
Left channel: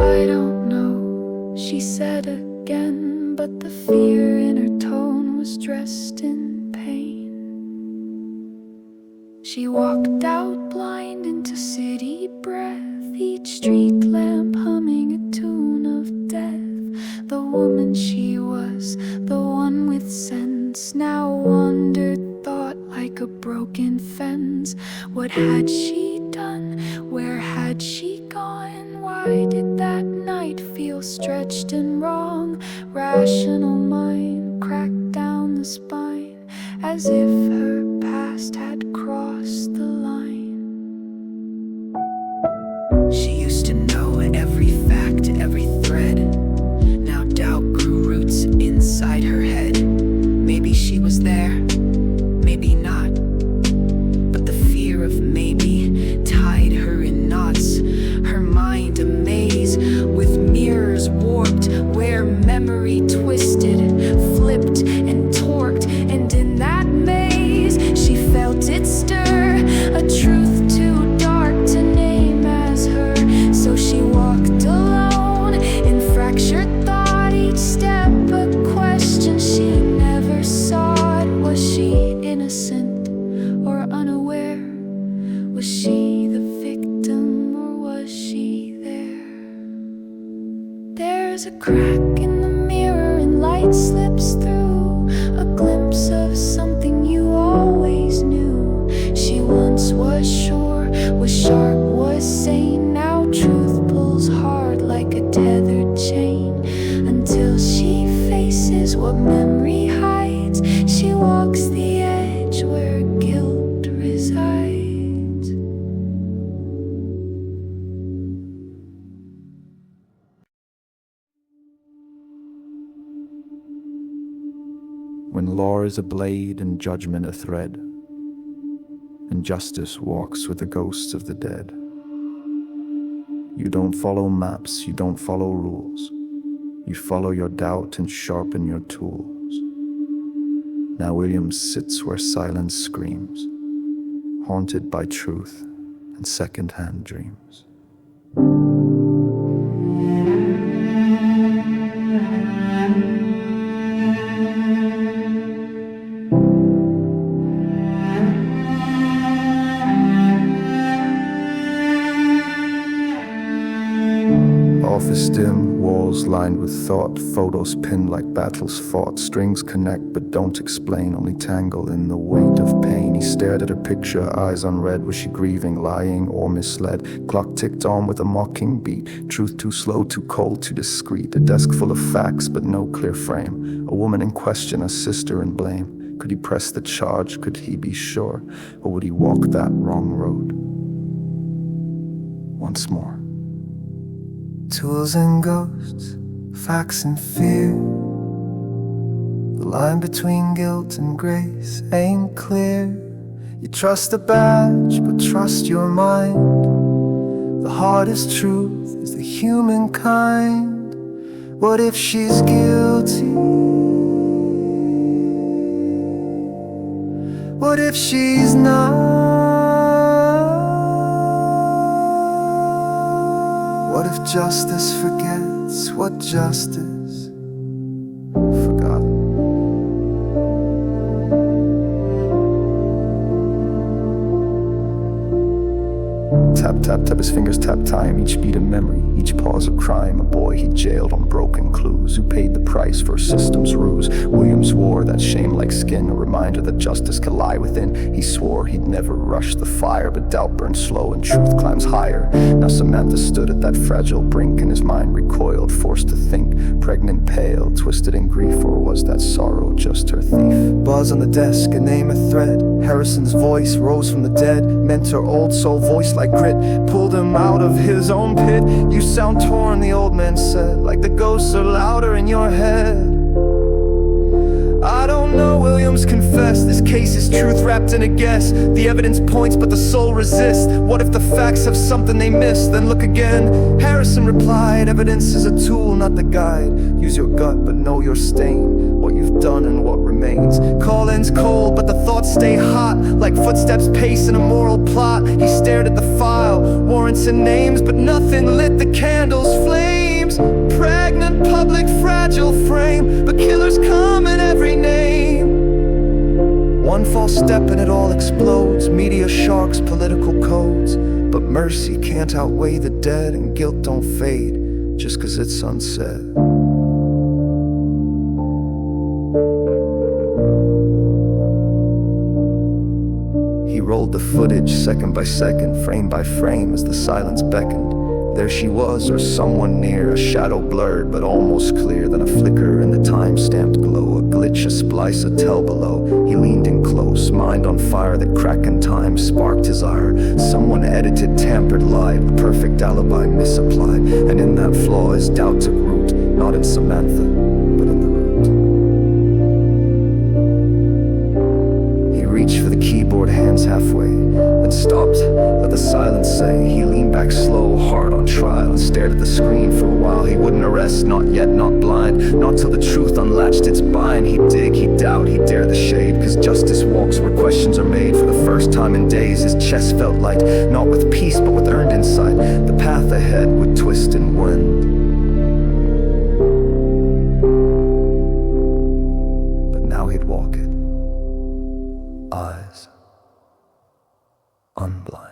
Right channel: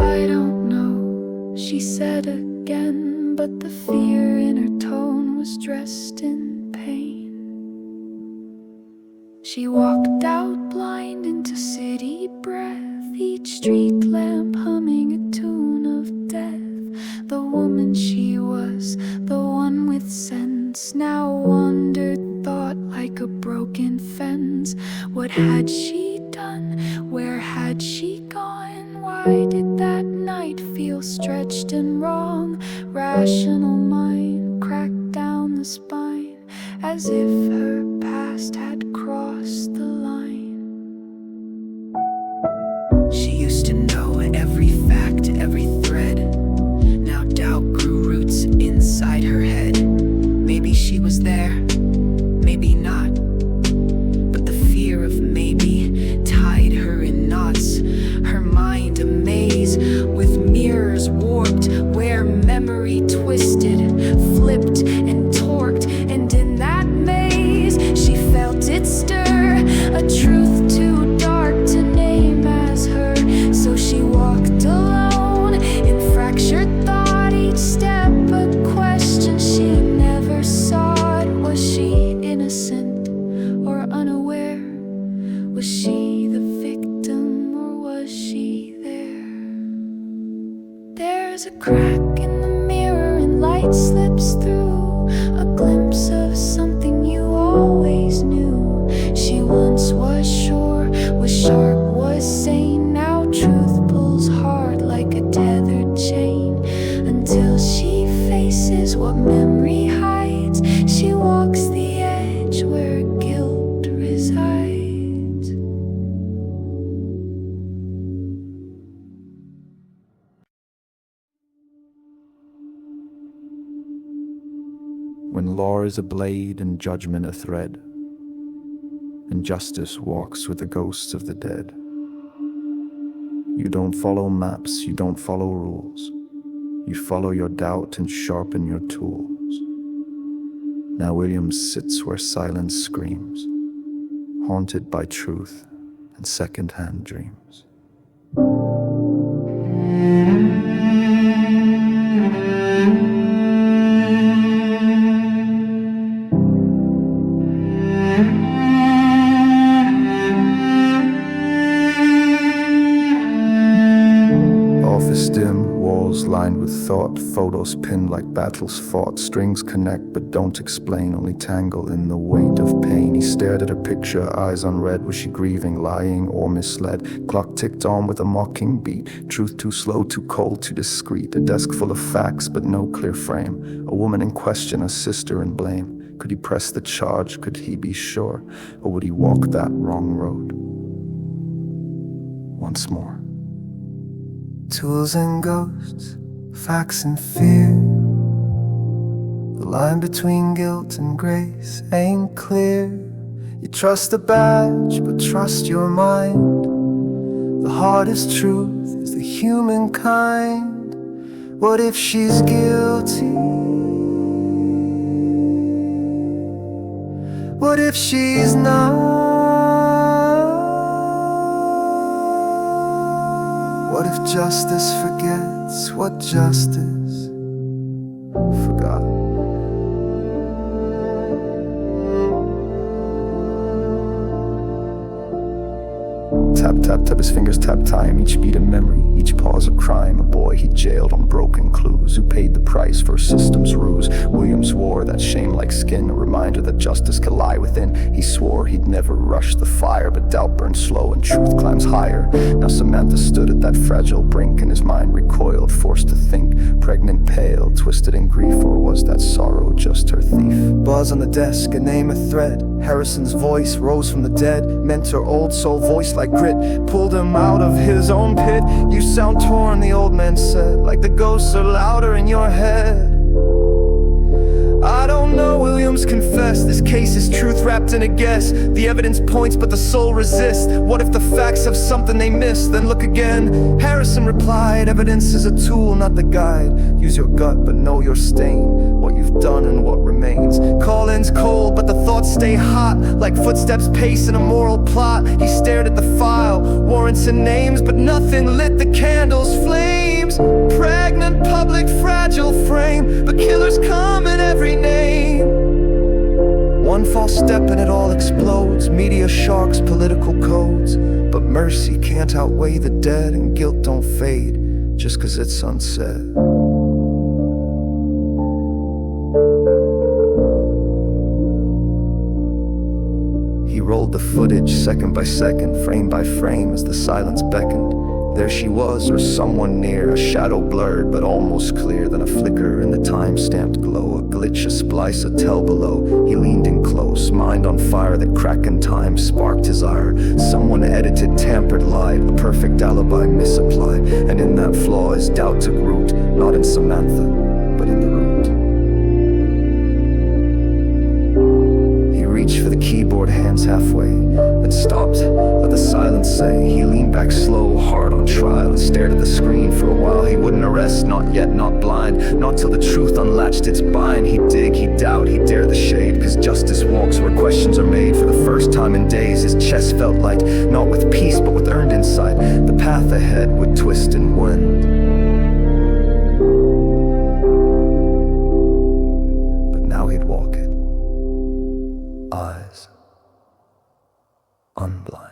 I don't know, she said again, but the fear in her tone was dressed in pain. She walked out blind into city breath, each street lamp humming a tune of death. The woman she was, the one with sense, now wandered thought like a broken fence. What had she done? Where had she gone? Why did that night feel stretched and wrong? Rational mind cracked down the spine, as if her past had crossed the line. She used to know every fact, every thread. Now doubt grew roots inside her head. Maybe she was there, maybe not. But the fear of maybe tied her in knots. Her mind a maze with mirrors warped, where memory twisted, flipped and torqued. And in that maze she felt it stir, a truth too dark to name as her. So she walked alone in fractured thought, each step a question she never sought. Was she innocent or unaware? Was she the victim or was she there? There's a crack in the mirror and light slips through, a glimpse of something you always knew. Was sharp, was sane. Now truth pulls hard like a tethered chain, until she faces what memory hides. She walks the edge where guilt resides. When law is a blade and judgment a thread, and justice walks with the ghosts of the dead, you don't follow maps, you don't follow rules. You follow your doubt and sharpen your tools. Now Williams sits where silence screams, haunted by truth and second-hand dreams. Office dim, walls lined with thought, photos pinned like battles fought. Strings connect but don't explain, only tangle in the weight of pain. He stared at her picture, eyes unread. Was she grieving, lying, or misled? Clock ticked on with a mocking beat. Truth too slow, too cold, too discreet. A desk full of facts but no clear frame. A woman in question, a sister in blame. Could he press the charge? Could he be sure? Or would he walk that wrong road once more? Tools and ghosts, facts and fear. The line between guilt and grace ain't clear. You trust the badge, but trust your mind. The hardest truth is the humankind. What if she's guilty? What if she's not? What if justice forgets what justice forgot? Tap, tap, tap, his fingers tap time. Each beat a memory, each pause a crime. A boy he jailed on broken clues. Who paid the price for a system's ruse? Williams wore that shame like skin, a reminder that justice could lie within. He swore he'd never rush the fire, but doubt burns slow and truth climbs higher. Now Samantha stood at that fragile brink, and his mind recoiled, forced to think. Pregnant, pale, twisted in grief, or was that sorrow just her thief? Buzz on the desk, a name, a thread. Harrison's voice rose from the dead. Mentor, old soul, voice like grit, pulled him out of his own pit. You sound torn, the old man said, like the ghosts are louder in your head. I don't know, Williams confessed. This case is truth wrapped in a guess. The evidence points, but the soul resists. What if the facts have something they missed? Then look again. Harrison replied, evidence is a tool, not the guide. Use your gut, but know your stain. What you've done and what remains. Call-ins cold, but the thoughts stay hot, like footsteps pace in a moral plot. He stared at the file, warrants and names, but nothing lit the candle's flames. Pregnant, public, fragile frame, but killers come in every name. One false step and it all explodes. Media sharks, political codes. But mercy can't outweigh the dead, and guilt don't fade just 'cause it's unsaid. He rolled the footage second by second, frame by frame, as the silence beckoned. There she was, or someone near, a shadow blurred but almost clear. Then a flicker in the time-stamped glow, a glitch, a splice, a tell below. He leaned in close, mind on fire. That crack in time sparked his ire. Someone edited, tampered, lied, a perfect alibi misapplied. And in that flaw his doubt took root, not in Samantha, but in the root. He reached for the keyboard, hands halfway, then stopped, let the silence say. He leaned back slow, hard on trial, and stared at the screen for a while. He wouldn't arrest, not yet, not blind, not till the truth unlatched its bind. He'd dig, he'd doubt, he'd dare the shade, 'cause justice walks where questions are made. For the first time in days his chest felt light, not with peace but with earned insight. The path ahead would twist and wend, but now he'd walk it, eyes unblind.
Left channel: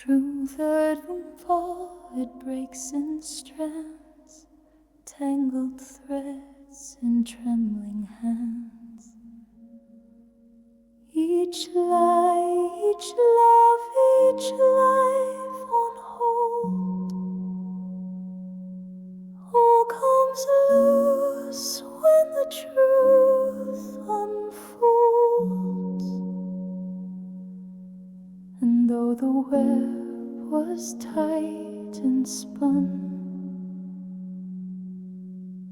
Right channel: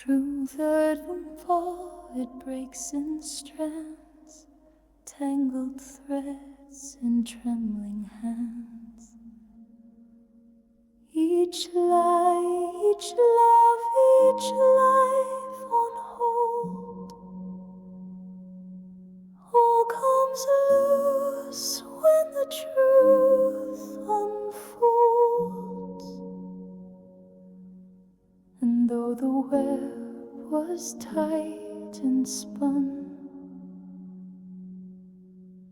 True that won't fall, it breaks in strands, tangled threads in trembling hands. Each lie, each love, each life on hold, all comes loose when the truth unfolds. And though the web was tight and spun,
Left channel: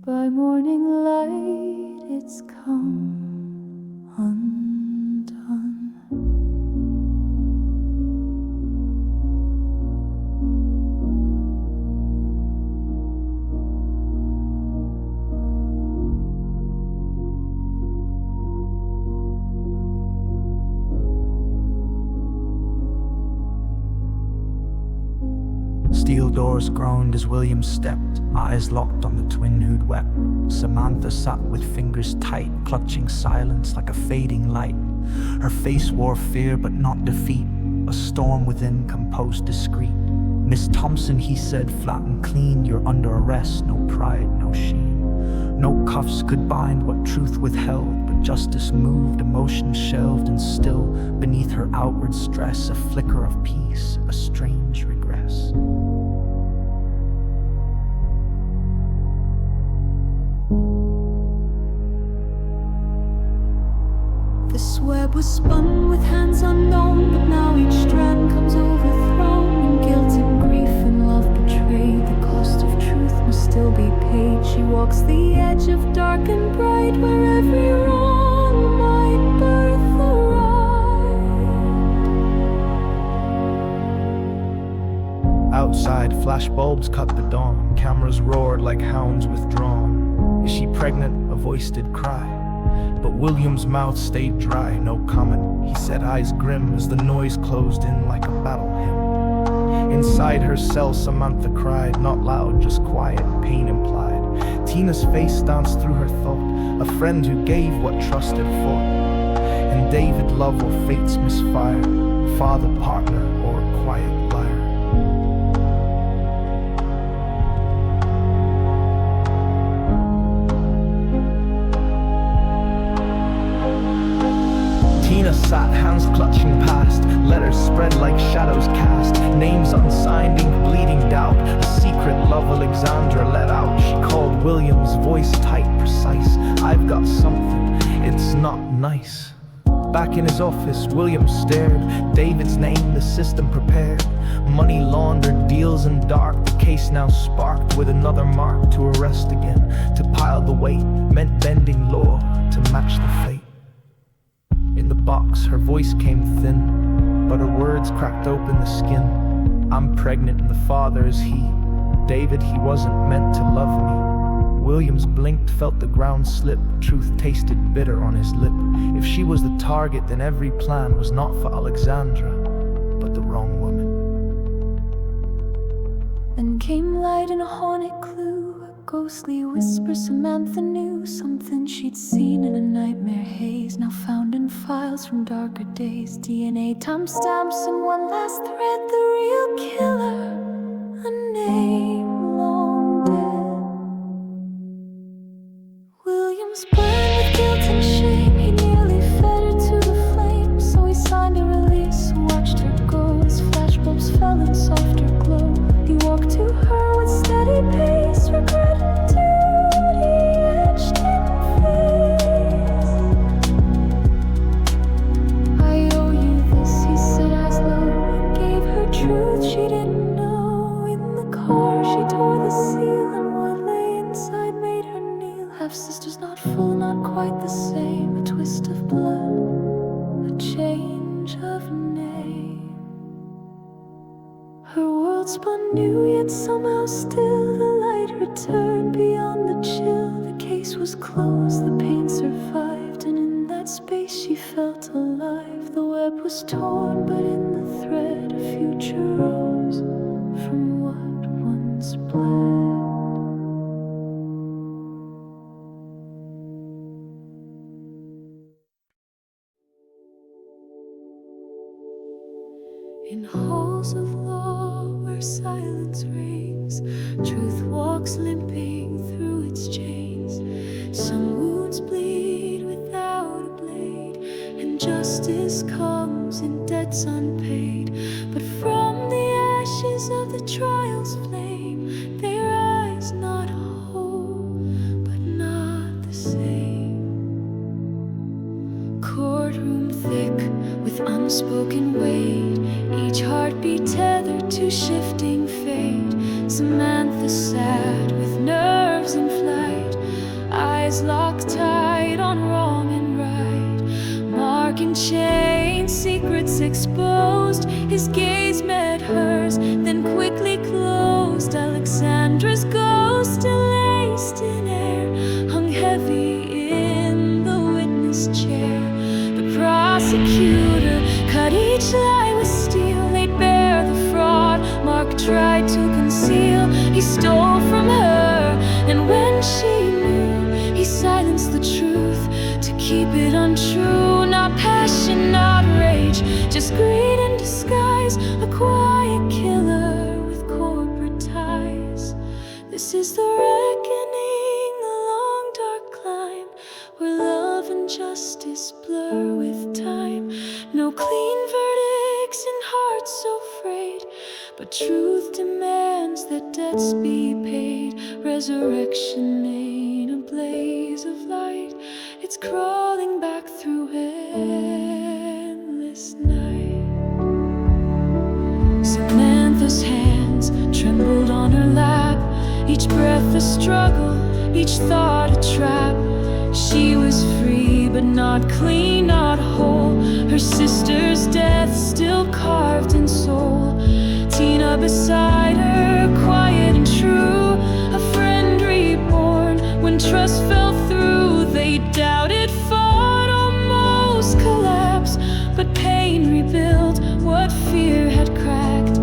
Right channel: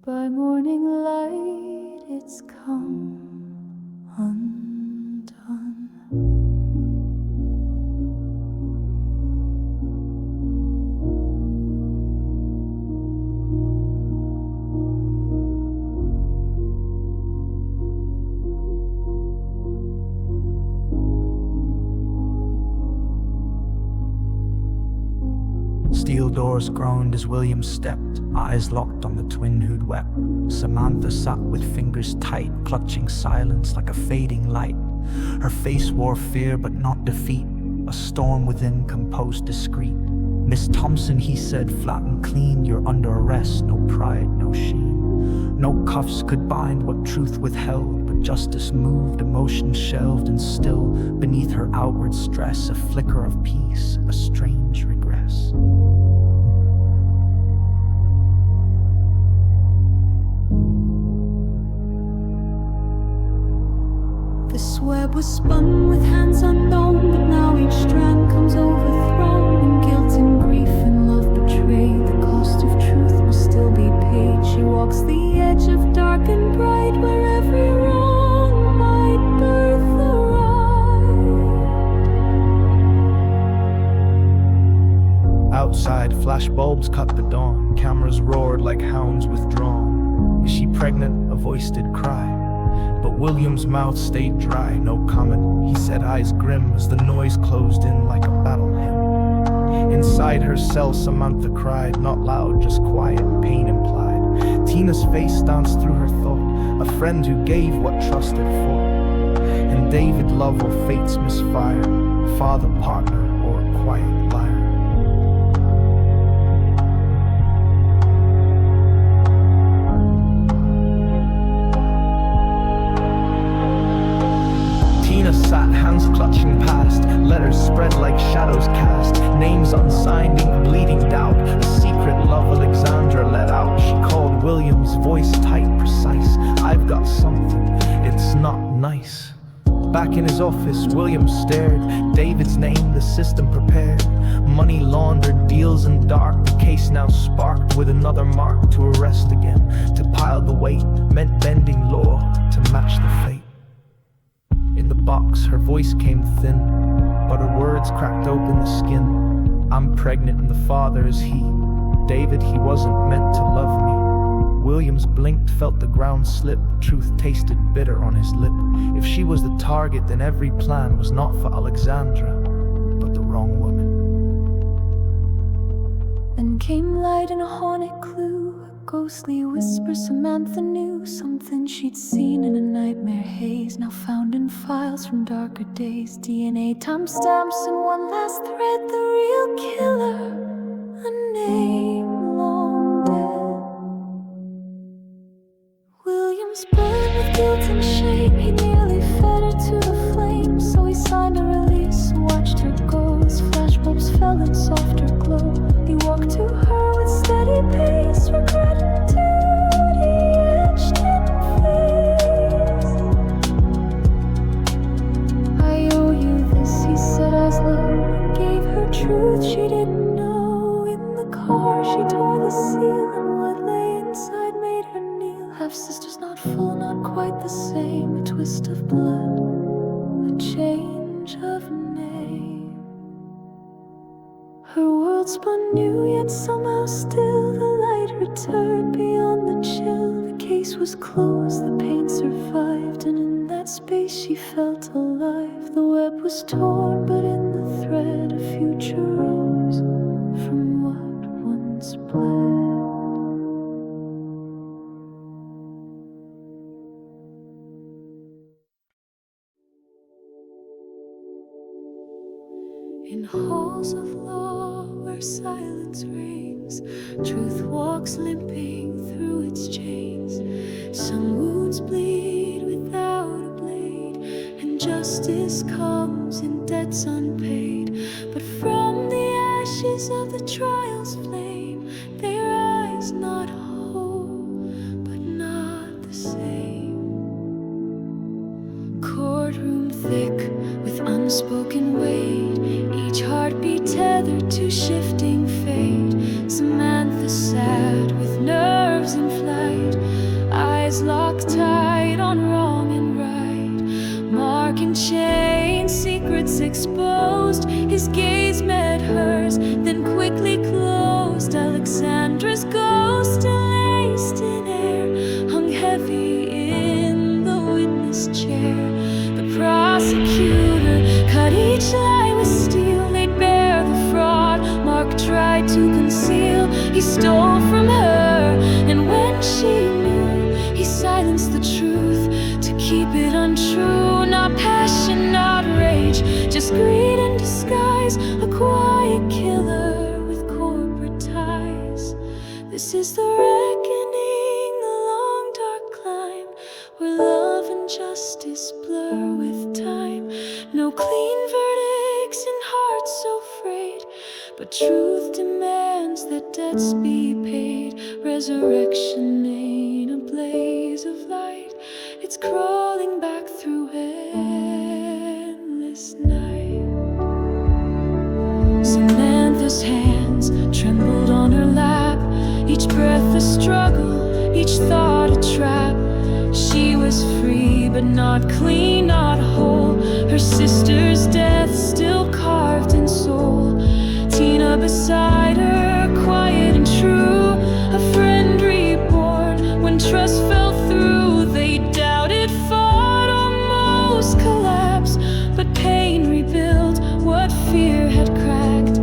by morning light it's come undone. Steel doors groaned as William stepped, eyes locked on the twin who'd wept. Samantha sat with fingers tight, clutching silence like a fading light. Her face wore fear but not defeat, a storm within composed discreet. Miss Thompson, he said, flat and clean, you're under arrest, no pride, no shame. No cuffs could bind what truth withheld, but justice moved, emotion shelved, and still, beneath her outward stress, a flicker of peace, a strange regress. This web was spun with hands unknown, but now each strand comes overthrown. In guilt and grief and love betrayed, the cost of truth must still be paid. She walks the edge of dark and bright, where every wrong might birth a right. Outside, flashbulbs cut the dawn, cameras roared like hounds withdrawn. Is she pregnant? A voice did cry. But William's mouth stayed dry, no comment. He said, eyes grim as the noise closed in like a battle hymn. Inside her cell, Samantha cried, not loud, just quiet, pain implied. Tina's face danced through her thought, a friend who gave what trust had fought. And David, love or fate's misfire, father, partner, or quiet liar. Tina sat, hands clutching past, letters spread like shadows cast, names unsigned, ink bleeding doubt, a secret love Alexandra let out. She called William's voice tight, precise, I've got something, it's not nice. Back in his office, William stared, David's name, the system prepared. Money laundered, deals in dark, the case now sparked with another mark to arrest again. To pile the weight meant bending law to match the fate. In the box, her voice came thin, but her words cracked open the skin. I'm pregnant and the father is he. David, he wasn't meant to love me. Williams blinked, felt the ground slip. Truth tasted bitter on his lip. If she was the target, then every plan was not for Alexandra, but the wrong woman. Then came light and a haunted clue, a ghostly whisper. Samantha knew something she'd seen in a nightmare haze, now found in files from darker days. DNA timestamps and one last thread, the real killer, a name long dead. Williams burned with guilt and shame, he nearly fed her to the flames. So he signed a release, watched her go as flashbulbs fell in softer glow. He walked to her with steady pace, regret and duty etched in face. I owe you this, he said, eyes low, and gave her truth she didn't know. In the car she tore the seal, and what lay inside made her kneel. Half-sisters not full, not quite the same, a twist of blood, a change of name. Her world spun new, yet somehow still the light returned beyond the chill. The case was closed, the pain survived, and in that space she felt alive. The web was torn, but in the thread a future rose from what once bled. In halls of law where silence reigns, truth walks limping through its chains. Some wounds bleed without a blade, and justice comes in debts unpaid. But from the ashes of the trial's flame, they rise not whole, but not the same. Courtroom thick with unspoken weight, each heartbeat tethered to shifting fate. Samantha sat with nerves in flight, eyes locked tight on wrong and right. Mark and chain, secrets exposed. His gaze met hers, then quickly closed. Alexandra's ghost, laced in air, hung heavy in the witness chair. The prosecutor cut each lie with steel, laid bare the fraud Mark tried to conceal. He stole from her, and when she knew, he silenced the truth to keep it untrue. Not passion, not rage, just greed in disguise. A quiet killer with corporate ties. This is the reckoning, the long dark climb, where love and justice blur with time. No clean verdicts in hearts so frayed, but truth demands that debts be paid. Resurrection ain't a blaze of light, it's crawling back through endless night. Samantha's hands trembled on her lap, each breath a struggle, each thought a trap. She was free, but not clean, not whole. Her sister's death still carved in soul. Tina beside her, quiet and true. A friend reborn when trust fell through. They doubted, fought, almost collapsed, but pain rebuilt what fear had cracked.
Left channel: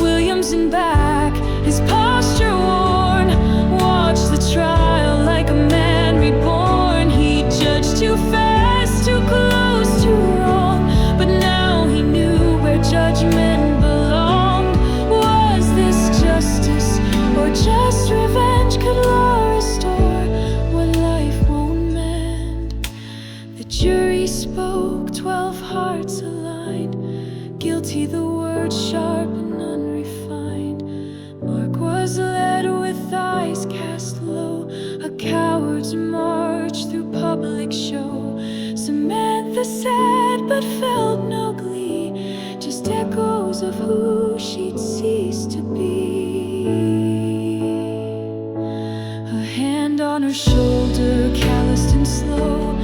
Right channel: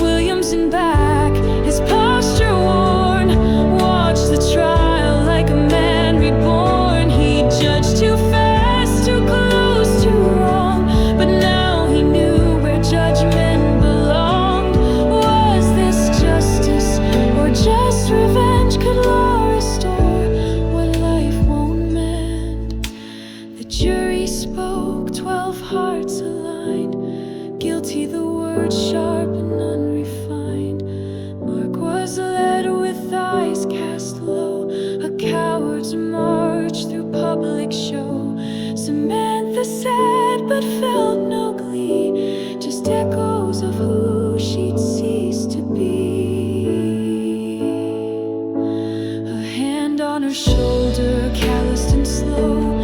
Williams in back, his posture worn, watched the trial like a man reborn. He judged too fast, too close, too wrong, but now he knew where judgment belonged. Was this justice or just revenge? Could law restore what life won't mend? The jury spoke, 12 hearts aligned. Guilty, the word sharp and unrefined. Mark was led with eyes cast low, a coward's march through public show. Samantha sat but felt no glee, just echoes of who she'd ceased to be. A hand on her shoulder, calloused and slow.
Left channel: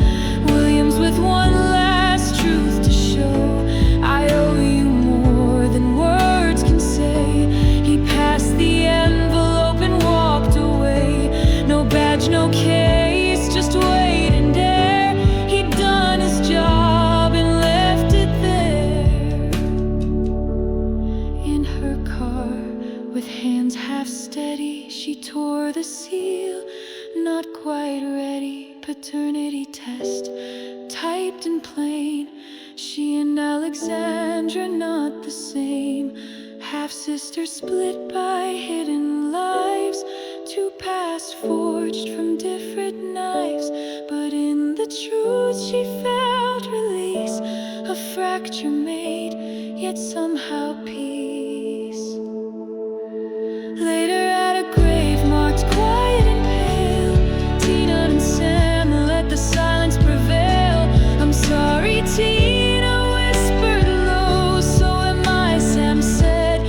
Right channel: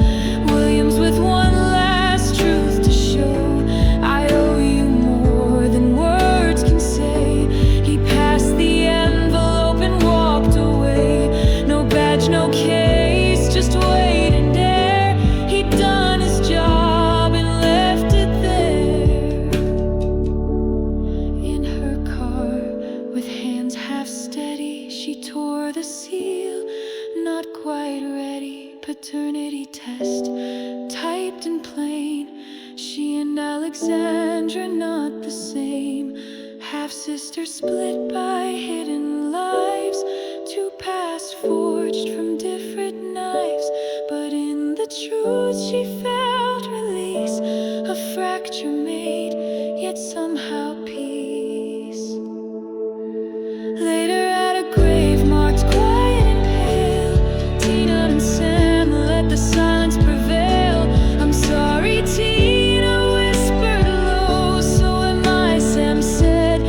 Williams with one last truth to show. I owe you more than words can say. He passed the envelope and walked away. No badge, no case, just weight and dare. He'd done his job and left it there. In her car, with hands half steady, she tore the seal. Not quite ready, paternity test, typed in plain. She and Alexandra not the same. Half-sisters split by hidden lives. Two paths forged from different knives. But in the truth she felt release. A fracture made, yet somehow peace. Later at a grave marked quiet and pale, Tina and Sam let the silence prevail. I'm sorry, Tina whispered low. So am I, Sam said,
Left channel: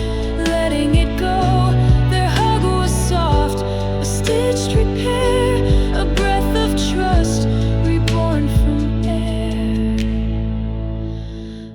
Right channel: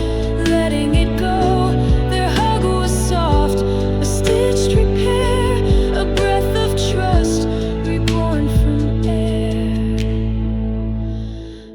letting it go. Their hug was soft, a stitched repair, a breath of trust reborn from air.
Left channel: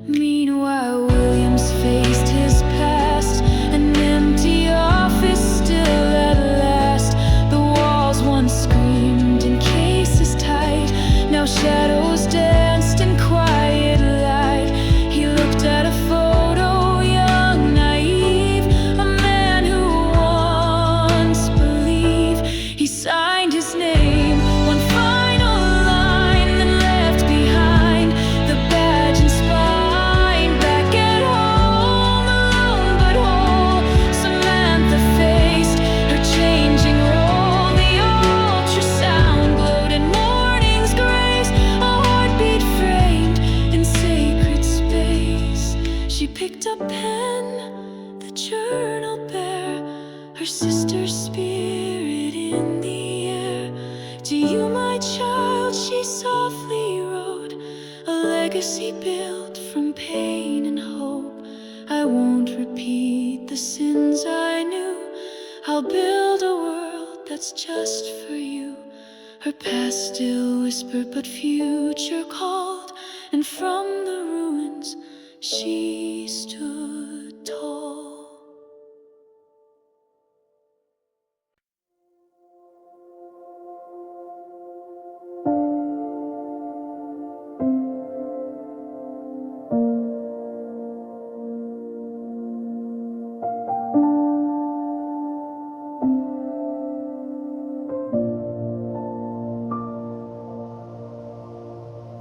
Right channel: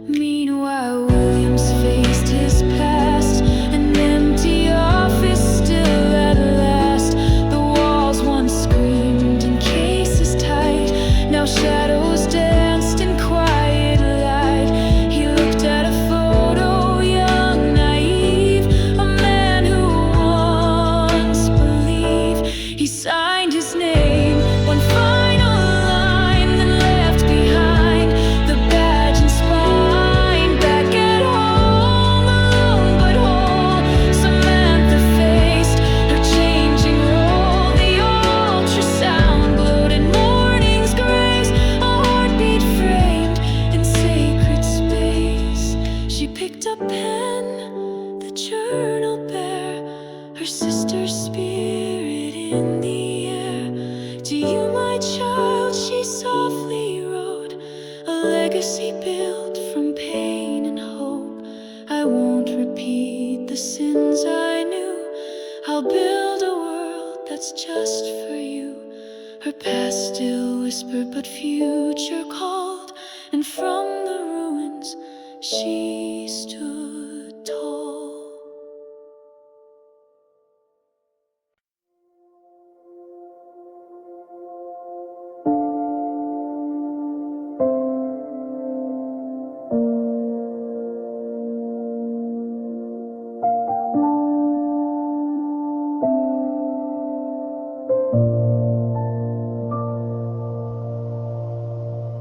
Meanwhile, Williams faced his past, an empty office still at last. The walls once screamed in cases tight, now shadows danced in quiet light. He looked at a photo, young, naive, a man who once believed. He signed picked up pen, the journal bare, her sister's spirit in the air. To you, my child, she softly wrote, a legacy built from pain and hope. I won't repeat the sins I knew. I'll build a world that's just for you. Her past still whispered, but future called, and from the ruins she stood tall.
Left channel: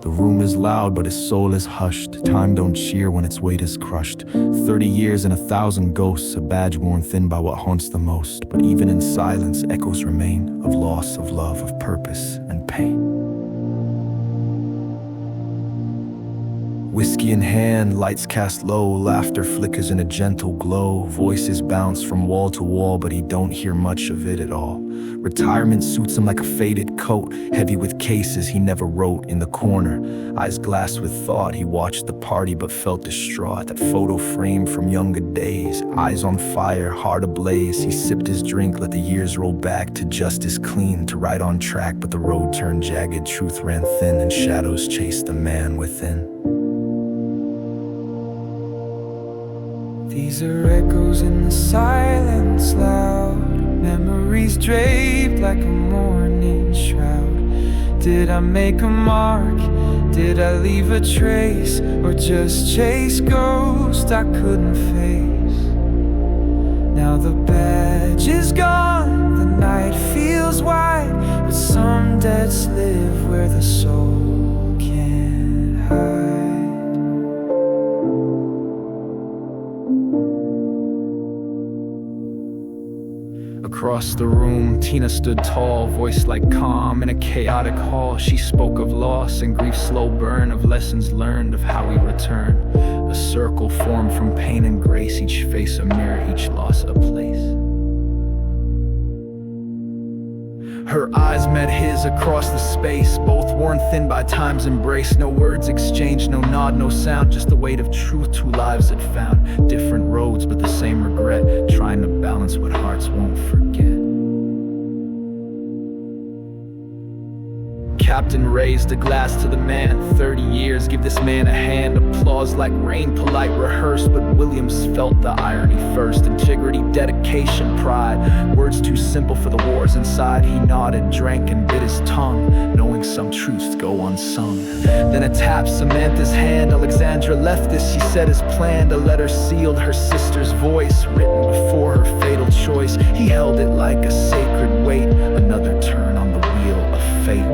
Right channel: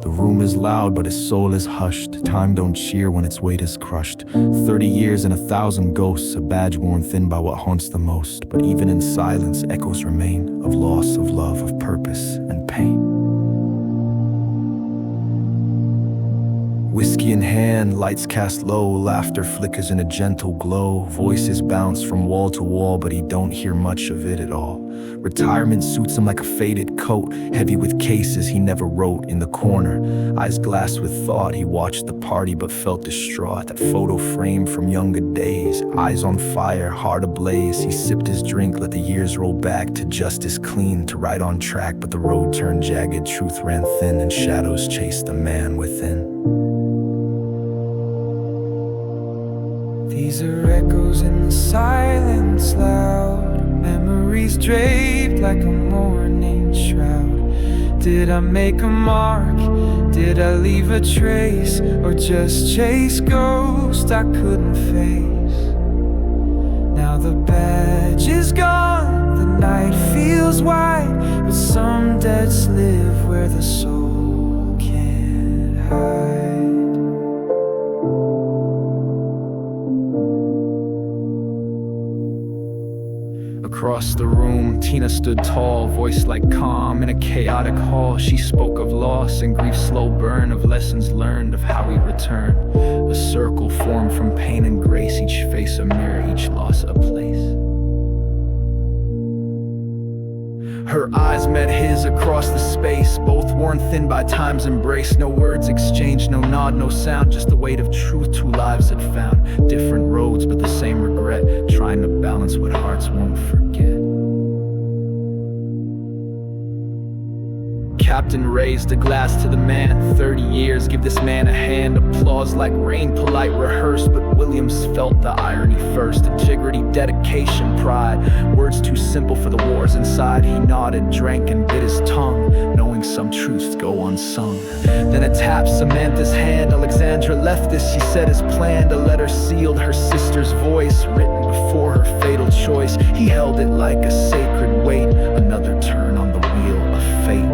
The room is loud, but his soul is hushed. Time don't cheer when its weight is crushed. 30 years and 1,000 ghosts, a badge worn thin by what haunts the most. But even in silence, echoes remain of loss, of love, of purpose, and pain. Whiskey in hand, lights cast low, laughter flickers in a gentle glow. Voices bounce from wall to wall, but he don't hear much of it at all. Retirement suits him like a faded coat, heavy with cases he never wrote. In the corner, eyes glassed with thought, he watched the party but felt distraught. That photo frame from younger days, eyes on fire, heart ablaze. He sipped his drink, let the years roll back to justice clean, to right on track. But the road turned jagged, truth ran thin, and shadows chased the man within. These are echoes in the silence loud, memories draped like a mourning shroud. Did I make a mark? Did I leave a trace? Or just chase ghosts I couldn't face? Now the badge is gone, the night feels wide, but some debts live where the soul can't hide. Across the room, Tina stood tall, voice like calm in a chaotic hall. She spoke of loss and grief's slow burn, of lessons learned, of how we return. A circle formed from pain and grace, each face a mirror, each loss a place. Her eyes met his across the space, both worn thin by time's embrace. No words exchanged, no nod, no sound, just the weight of truth two lives had found. Different roads, but the same regret, trying to balance what hearts won't forget. Captain raised a glass to the man. 30 years, give this man a hand. Applause like rain, polite, rehearsed. But Williams felt the irony first. Integrity, dedication, pride. Words too simple for the wars inside. He nodded, drank, and bit his tongue, knowing some truths go unsung. Then a tap, Samantha's hand. Alexandra left this, she said as planned. A letter sealed, her sister's voice, written before her fatal choice. He held it like a sacred weight. Another turn on the wheel of fate.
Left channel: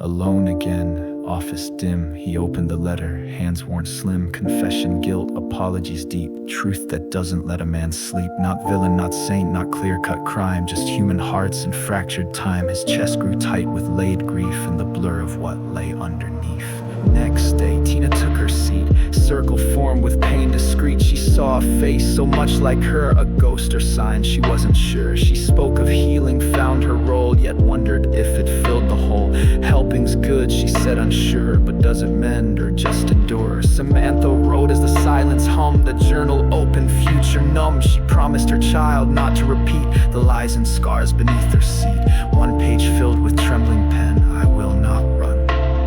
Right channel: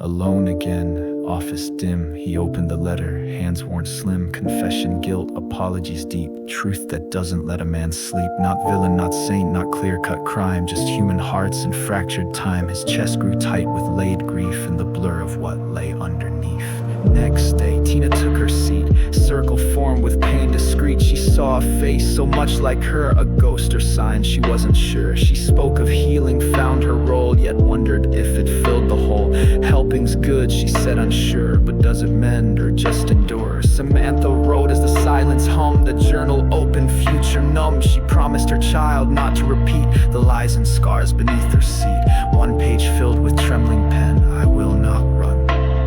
Alone again, office dim, he opened the letter, hands worn slim. Confession, guilt, apologies deep. Truth that doesn't let a man sleep. Not villain, not saint, not clear-cut crime, just human hearts and fractured time. His chest grew tight with laid grief and the blur of what lay underneath. Next day, Tina took her seat. Circle formed with pain discreet. She saw a face so much like her, a ghost or sign, she wasn't sure. She spoke of healing, found her role, yet wondered if it filled the hole. Helping's good, she said unsure, but does it mend or just endure? Samantha wrote as the silence hummed, the journal open, future numb. She promised her child not to repeat the lies and scars beneath her seat. One page filled with trembling pen, I will not run,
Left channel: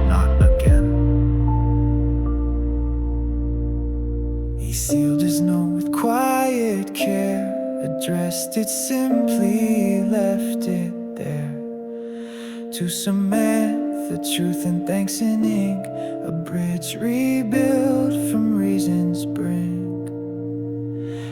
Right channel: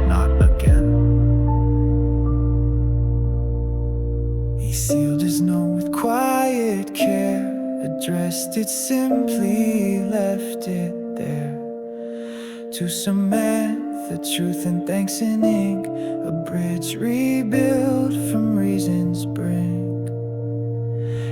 not again. He sealed his note with quiet care, addressed it simply, left it there. To Samantha, truth and thanks in ink, a bridge rebuilt from reason's brink.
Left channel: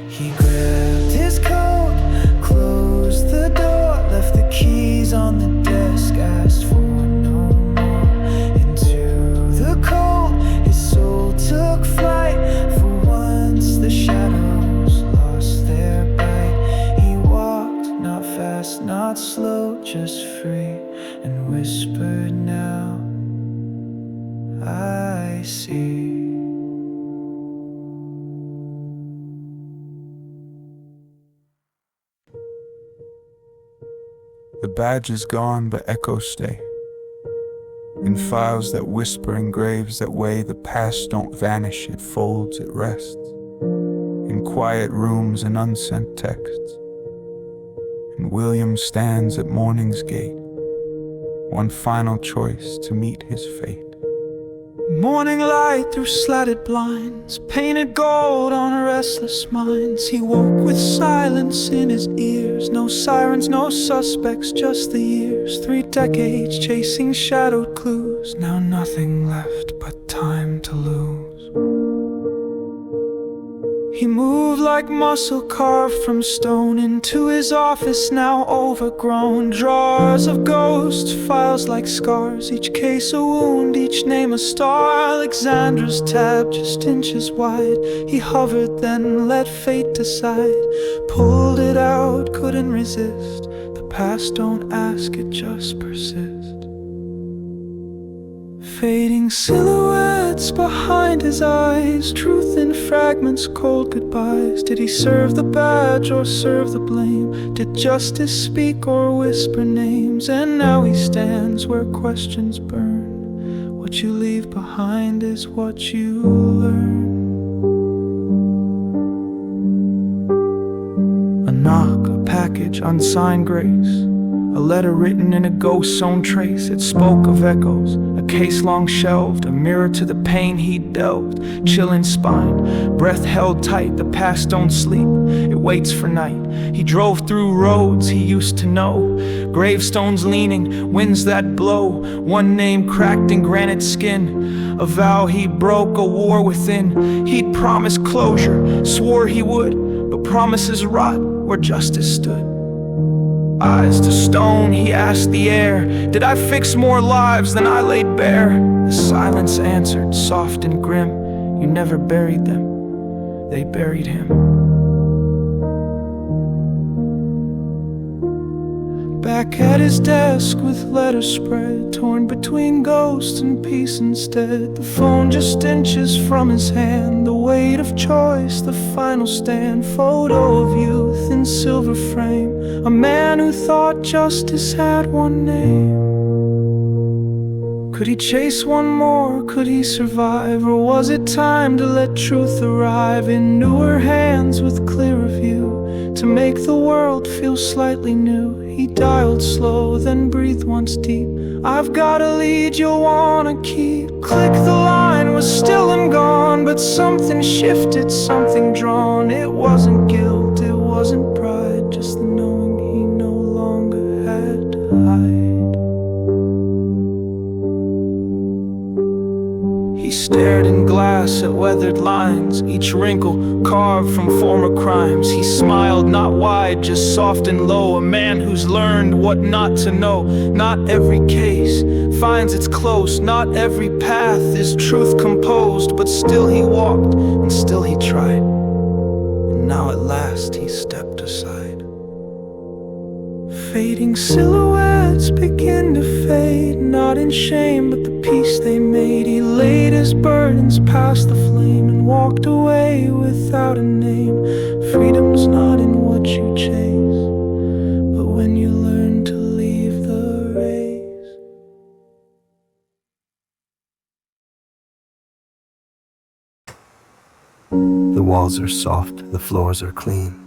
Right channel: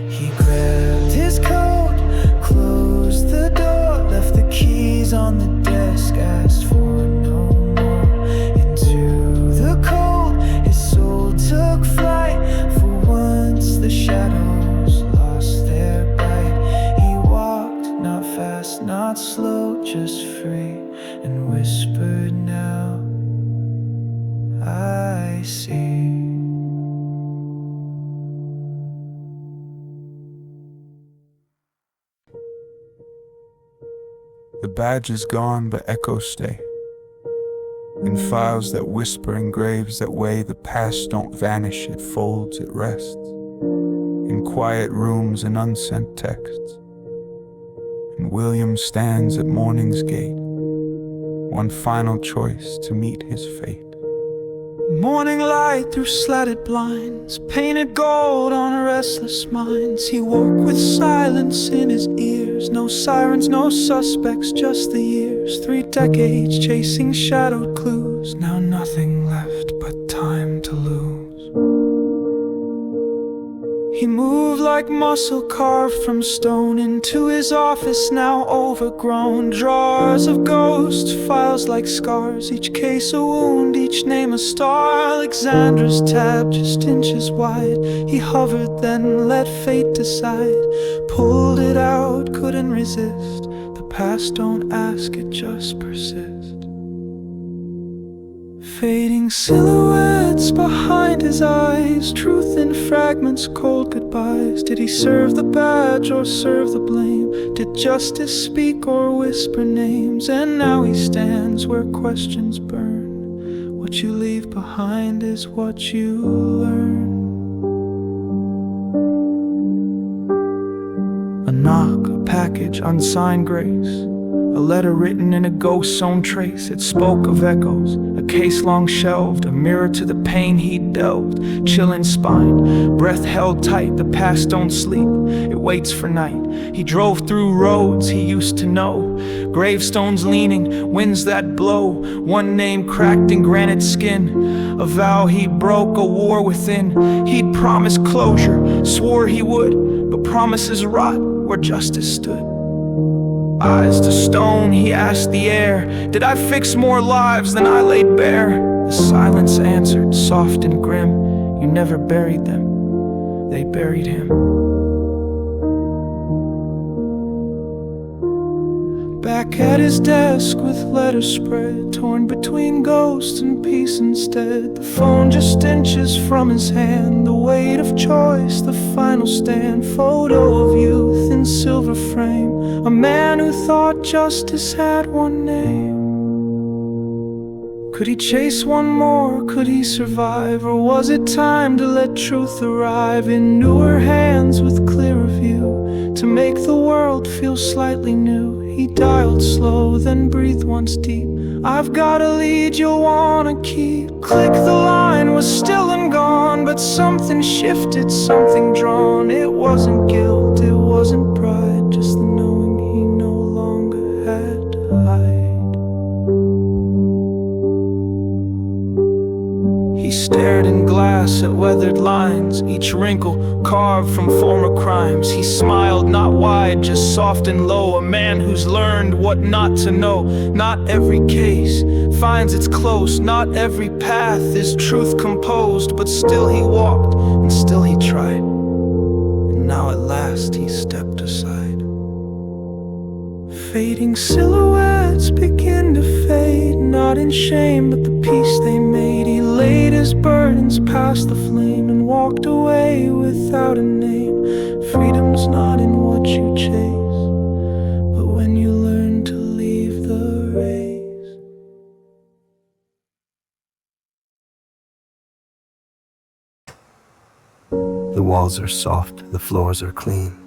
He grabbed his coat, closed the door, left the keys on the desk, asked for no more. Into the cold, his soul took flight. For once the shadows lost their bite. He walked, not fast, not slow, just free, and whispered now, I see. The badge is gone, but echoes stay. In files that whisper and graves that weigh, the past don't vanish, it folds, it rests. In quiet rooms and unsent texts. And William stands at morning's gate, one final choice to meet his fate. Morning light through slatted blinds, painted gold on restless minds. He woke with silence in his ears, no sirens, no suspects, just the years. 3 decades chasing shadowed clues, now nothing left but time to lose. He moved like muscle carved from stone into his office now overgrown. Drawers of ghosts, files like scars, each case a wound, each name a star. Alexandra's tab just inches wide. He hovered then let fate decide. Pulled it out, couldn't resist. The past don't ask, it just persists. Fading silhouettes behind his eyes, truth in fragments, cold goodbyes. Did he serve the badge or serve the blame? Did justice speak or whisper names? And now he stands where questions burn. What you leave behind is what you learn. A knock, a package, unsigned grace. A letter written in a ghost's own trace. It spoke of echoes, a case long shelved, a mirror to the pain he'd delved. Chill in spine, breath held tight, the past don't sleep, it waits for night. He drove through roads he used to know, gravestones leaning, winds that blow. One name cracked in granite skin, a vow he broke, a war within. He'd promised closure, swore he would, but promises rot where justice stood. Eyes to stone, he asked the air, did I fix more lives than I laid bare? The silence answered, soft and grim, you never buried them, they buried him. Back at his desk with letters spread, torn between ghosts and peace instead. The phone just inches from his hand, the weight of choice, the final stand. Photo of youth in silver frame, a man who thought justice had one name. Could he chase one more, could he survive? Or was it time to let truth arrive in newer hands with clearer view, to make the world feel slightly new? He dialed slow, then breathed once deep. I've got a lead you'll wanna keep. Click, the line was still and gone, but something shifted, something drawn. It wasn't guilt, it wasn't pride, just the knowing he no longer had to hide. He stared in glass at weathered lines, each wrinkle carved from former crimes. He smiled, not wide, just soft and low, a man who's learned what not to know. Not every case finds its close, not every path is truth composed, but still he walked, and still he tried, and now at last he stepped aside. Fading silhouettes begin to fade, not in shame but the peace they made. He laid his burdens past the flame and walked away without a name. Freedom's not in what you chase, but when you learn to leave the race. The walls are soft, the floors are clean,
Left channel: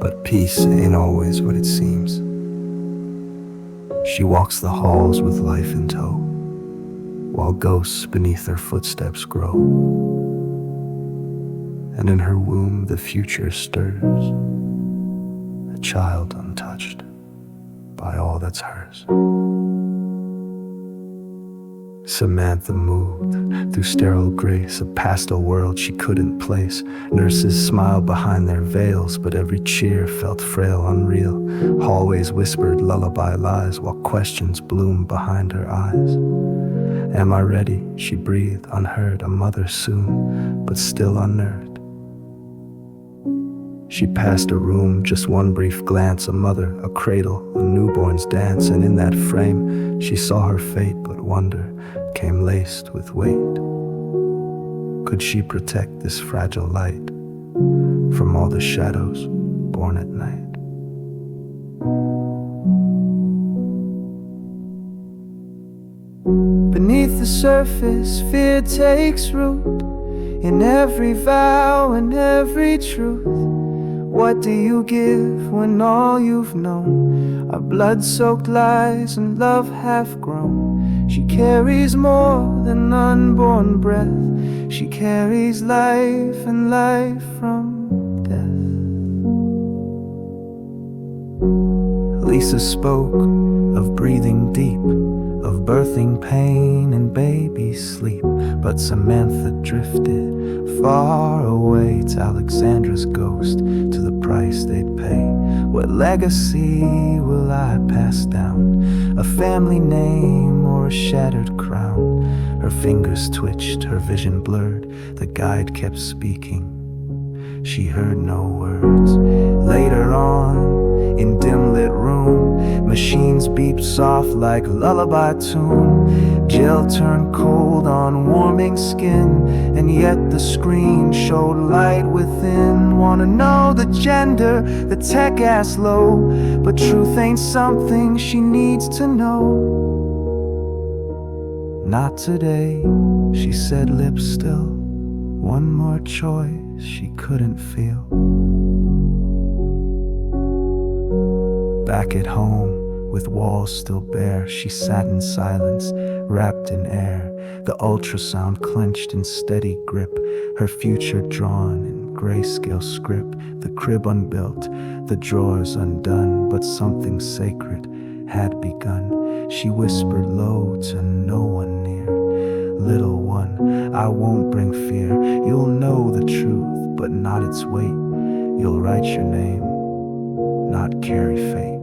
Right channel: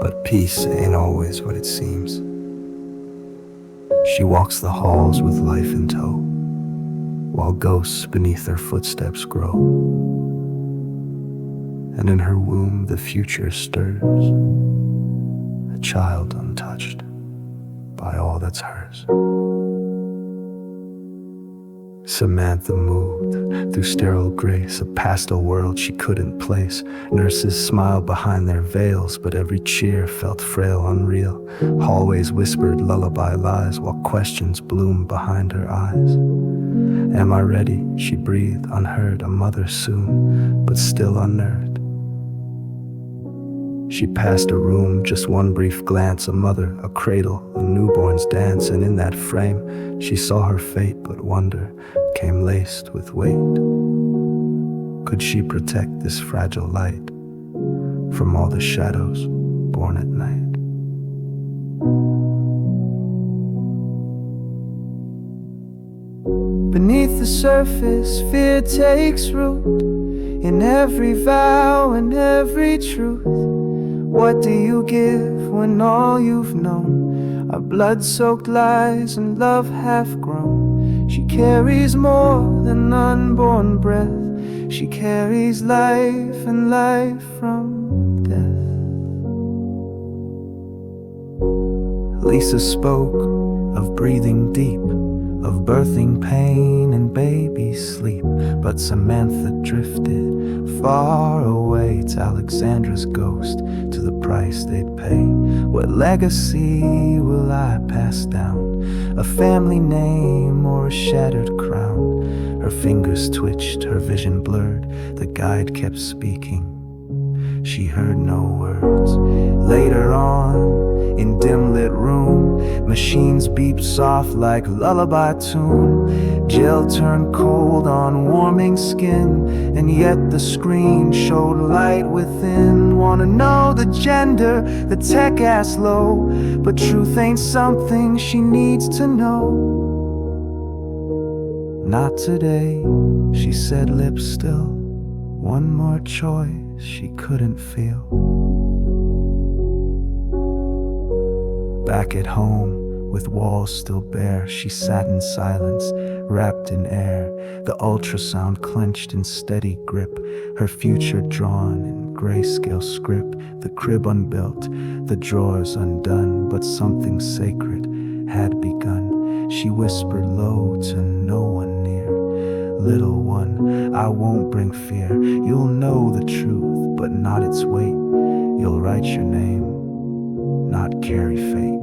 but peace ain't always what it seems. She walks the halls with life in tow, while ghosts beneath her footsteps grow. And in her womb the future stirs, a child untouched by all that's hers. Samantha moved through sterile grace, a pastel world she couldn't place. Nurses smiled behind their veils, but every cheer felt frail, unreal. Hallways whispered lullaby lies, while questions bloomed behind her eyes. Am I ready? She breathed, unheard, a mother soon, but still unnerved. She passed a room, just one brief glance, a mother, a cradle, a newborn's dance, and in that frame she saw her fate, but wonder came laced with weight. Could she protect this fragile light from all the shadows born at night? Beneath the surface, fear takes root in every vow and every truth. What do you give when all you've known are blood-soaked lies and love half-grown? She carries more than unborn breath. She carries life and life from death. Lisa spoke of breathing deep, of birthing pain and baby sleep. But Samantha drifted far away to Alexandra's ghost, to the price they'd pay. What legacy will I pass down? A family name or a shattered crown? Her fingers twitched, her vision blurred. The guide kept speaking. She heard no words. Later on, in dim-lit room, machines beeped soft like lullaby tune. Gel turned cold on warming skin, and yet the screen showed light within. Wanna know the gender, the tech asked low, but truth ain't something she needs to know. Not today, she said, lips still. One more choice she couldn't feel. Back at home, with walls still bare, she sat in silence, wrapped in air. The ultrasound clenched in steady grip, her future drawn in grayscale script. The crib unbuilt, the drawers undone, but something sacred had begun. She whispered low to no one near. Little one, I won't bring fear. You'll know the truth, but not its weight. You'll write your name, not carry fate.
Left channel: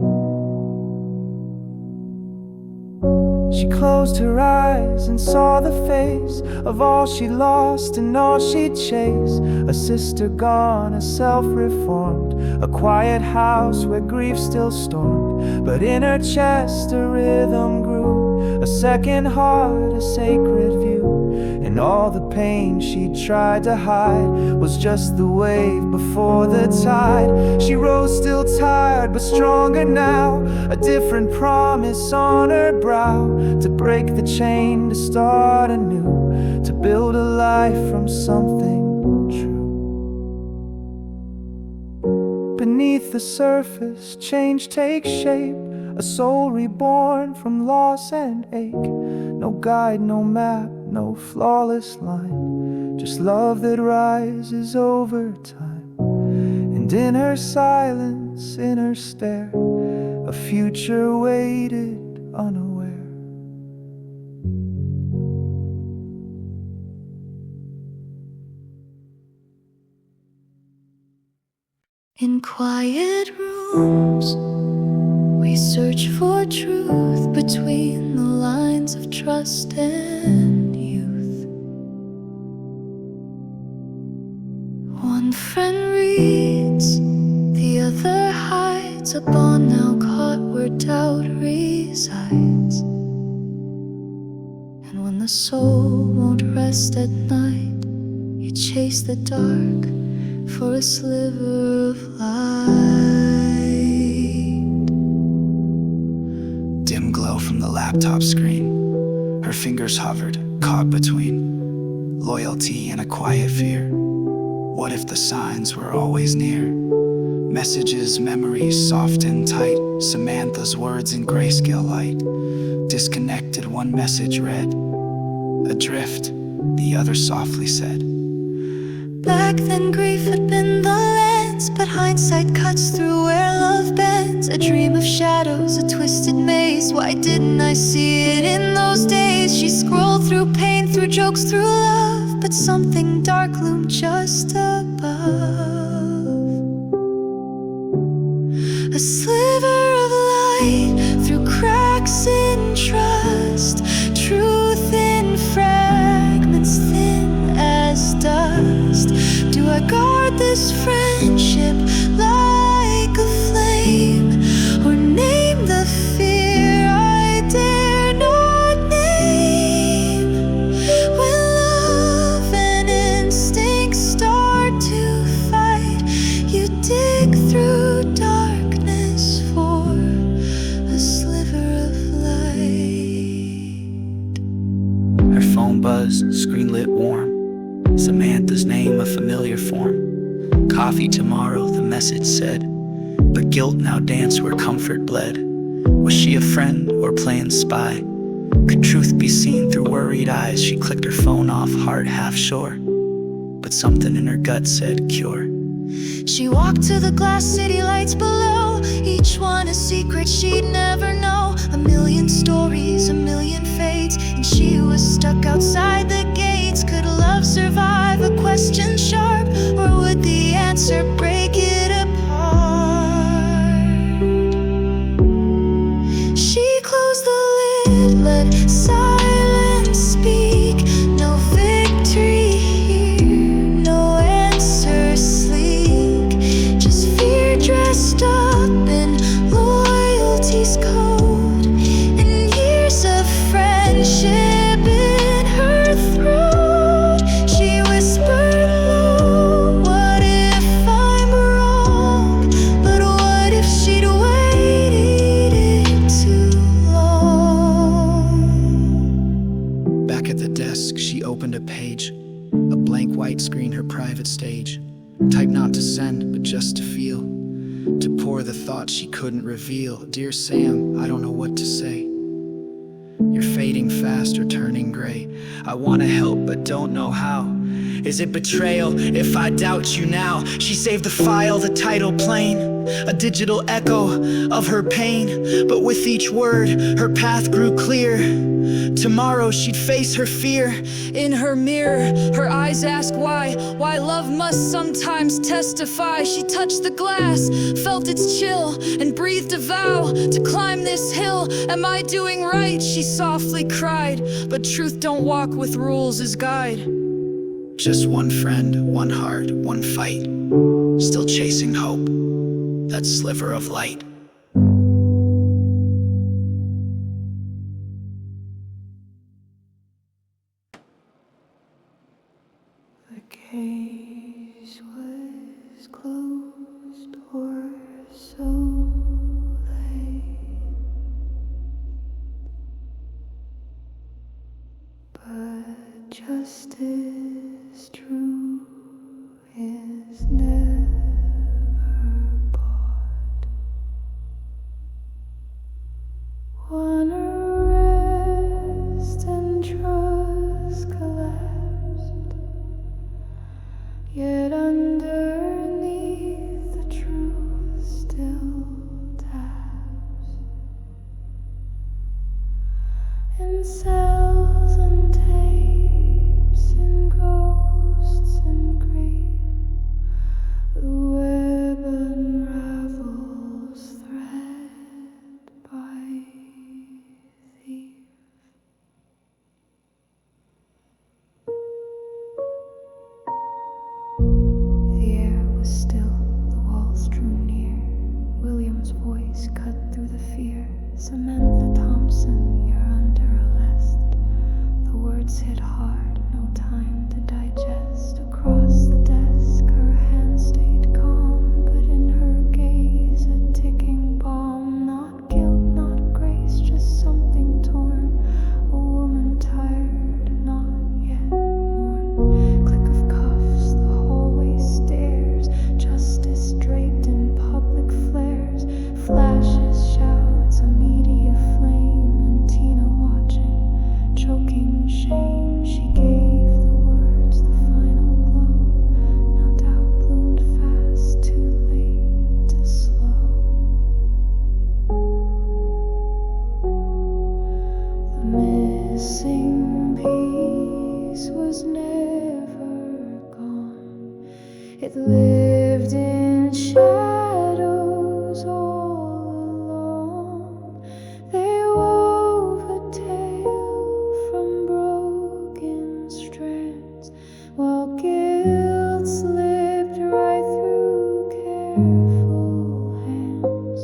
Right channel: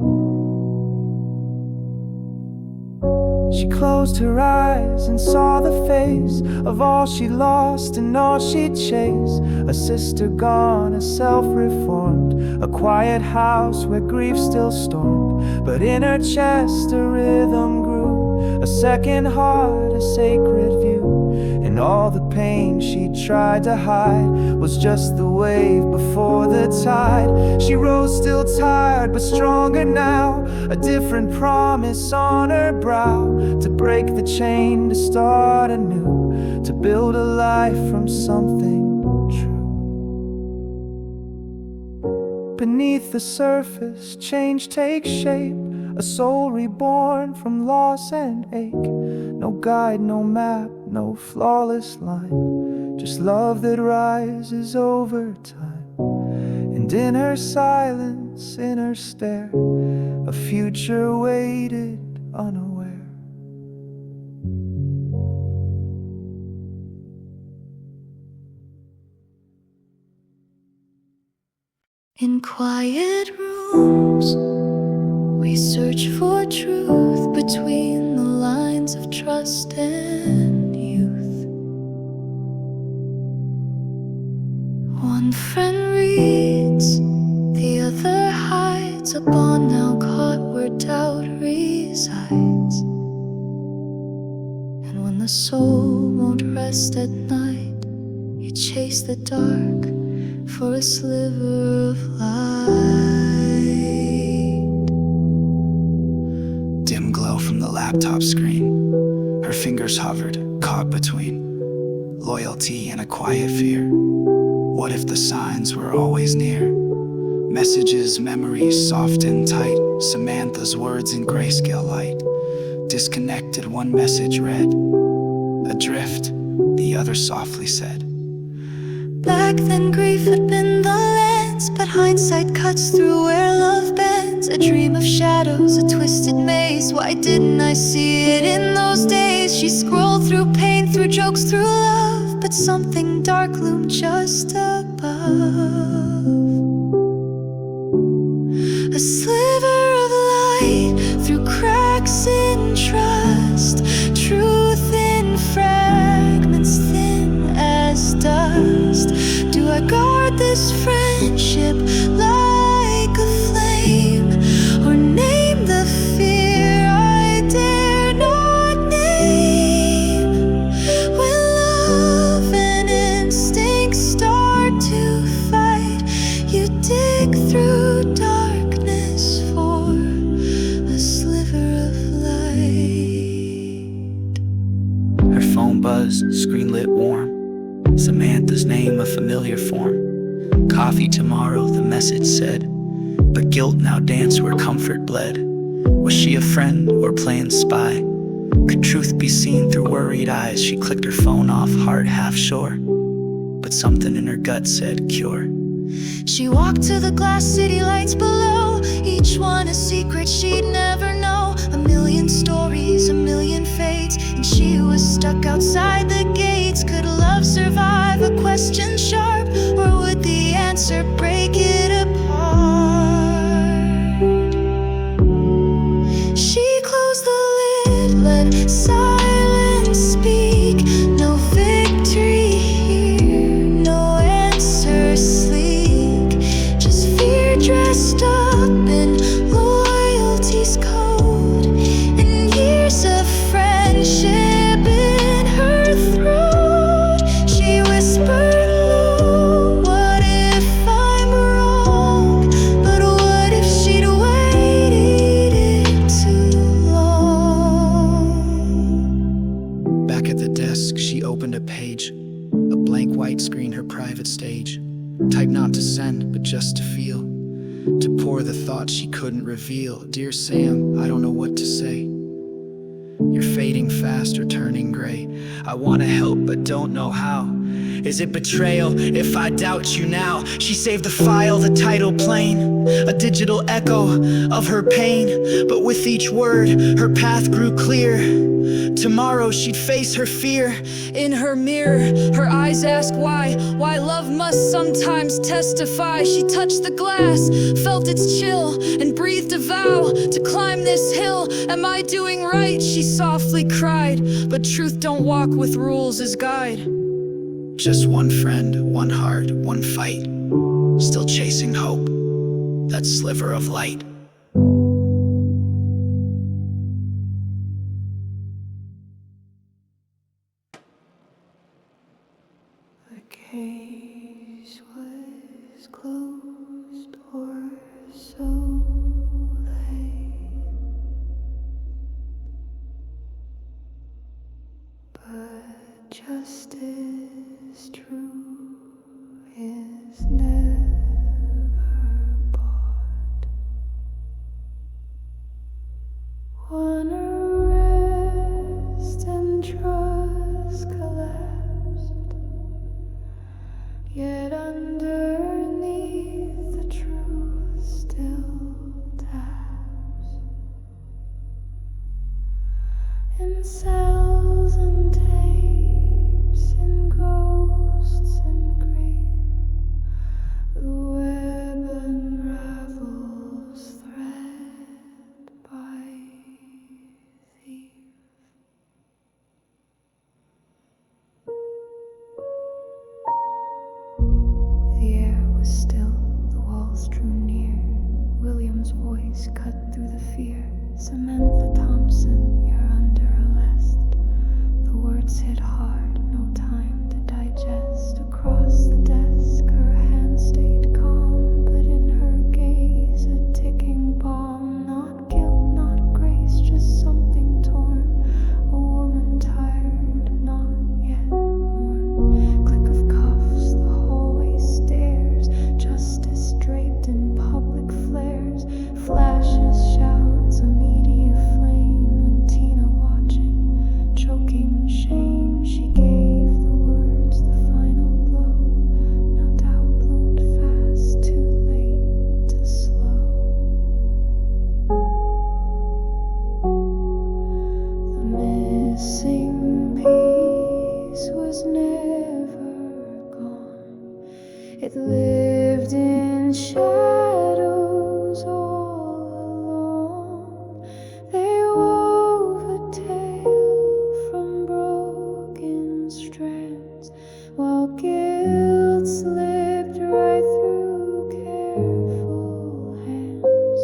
She closed her eyes and saw the face of all she lost and all she'd chase. A sister gone, a self-reformed, a quiet house where grief still stormed. But in her chest a rhythm grew, a second heart, a sacred view. And all the pain she tried to hide was just the wave before the tide. She rose still tired but stronger now, a different promise on her brow. To break the chain, to start anew, to build a life from something true. Beneath the surface, change takes shape, a soul reborn from loss and ache. No guide, no map, no flawless line, just love that rises over time. And in her silence, in her stare, a future waited unaware. In quiet rooms, we search for truth between the lines of trust and youth. One friend reads, the other hides, a bond now caught where doubt resides. And when the soul won't rest at night, you chase the dark for a sliver of light. Dim glow from the laptop screen. Her fingers hovered, caught between loyalty and a quiet fear. What if the signs were always near? Messages, memories, soft and tight. Samantha's words in grayscale light. Disconnected, one message read. Adrift, the other softly said. Back then grief had been the lens, but hindsight cuts through where love bends. A dream of shadows, a twisted maze. Why didn't I see it in those days? She scrolled through pain, through jokes, through love, but something dark loomed just above. A sliver of light through cracks in trust, truth in fragments thin as dust. Do I guard this friendship like a flame, or name the fear I dare not name? buzz, screen lit warm. Samantha's name a familiar form. Coffee tomorrow, the message said. But guilt now danced where comfort bled. Was she a friend or playing spy? Could truth be seen through worried eyes? She clicked her phone off, heart half sure. But something in her gut said cure. She walked to the glass city lights below, each one a secret she'd never know. A million stories, a million fates, and she was stuck outside the gates. Could love survive a question sharp, or would the answer break it apart? She closed the lid, let silence speak. No victory here, no answer sleek. Just fear dressed up in loyalty's code, and years of friendship in her throat. She whispered low, what if I'm wrong? But what if she'd waited it too long? Back at the desk, she opened a page. A blank white screen, her private stage. Typed not to send, but just to feel. To pour the thoughts she couldn't reveal. Dear Sam, I don't know what to say. You're fading fast or turning gray. I wanna help but don't know how. Is it betrayal if I doubt you now? She saved the file, the title plain. A digital echo of her pain. But with each word, her path grew clear. Tomorrow she'd face her fear. In her mirror, her eyes asked why love must sometimes testify. She touched the glass, felt its chill, and breathed a vow to climb this hill. Am I doing right? She softly cried. But truth don't walk with rules as guide. Just one friend, one heart, one fight. Still chasing hope, that sliver of light. The case was closed, or so late. But justice true is never bought. One arrest and trust collapsed, yet underneath the truth still taps. In cells and tapes, in ghosts and grief, the web unravels thread by thief. The air was still, the walls drew near. William's voice cut through the fear. Samantha Thompson, you're under arrest. The words hit hard, no time to digest. Across the desk, her hand stayed calm, but in her gaze, a ticking bomb. Not guilt, not grace, just something torn. A woman tired, not yet mourn. Click of cuffs, the hallway stairs. Justice draped in public flares. Flashes, shouts, a media flame. And Tina watching, choking shame. She gave the words the final blow. Now doubt bloomed fast, too late to slow. The missing piece was never gone. It lived in shadows all along. They wove a tale from broken strands, while guilt slipped right through careful hands.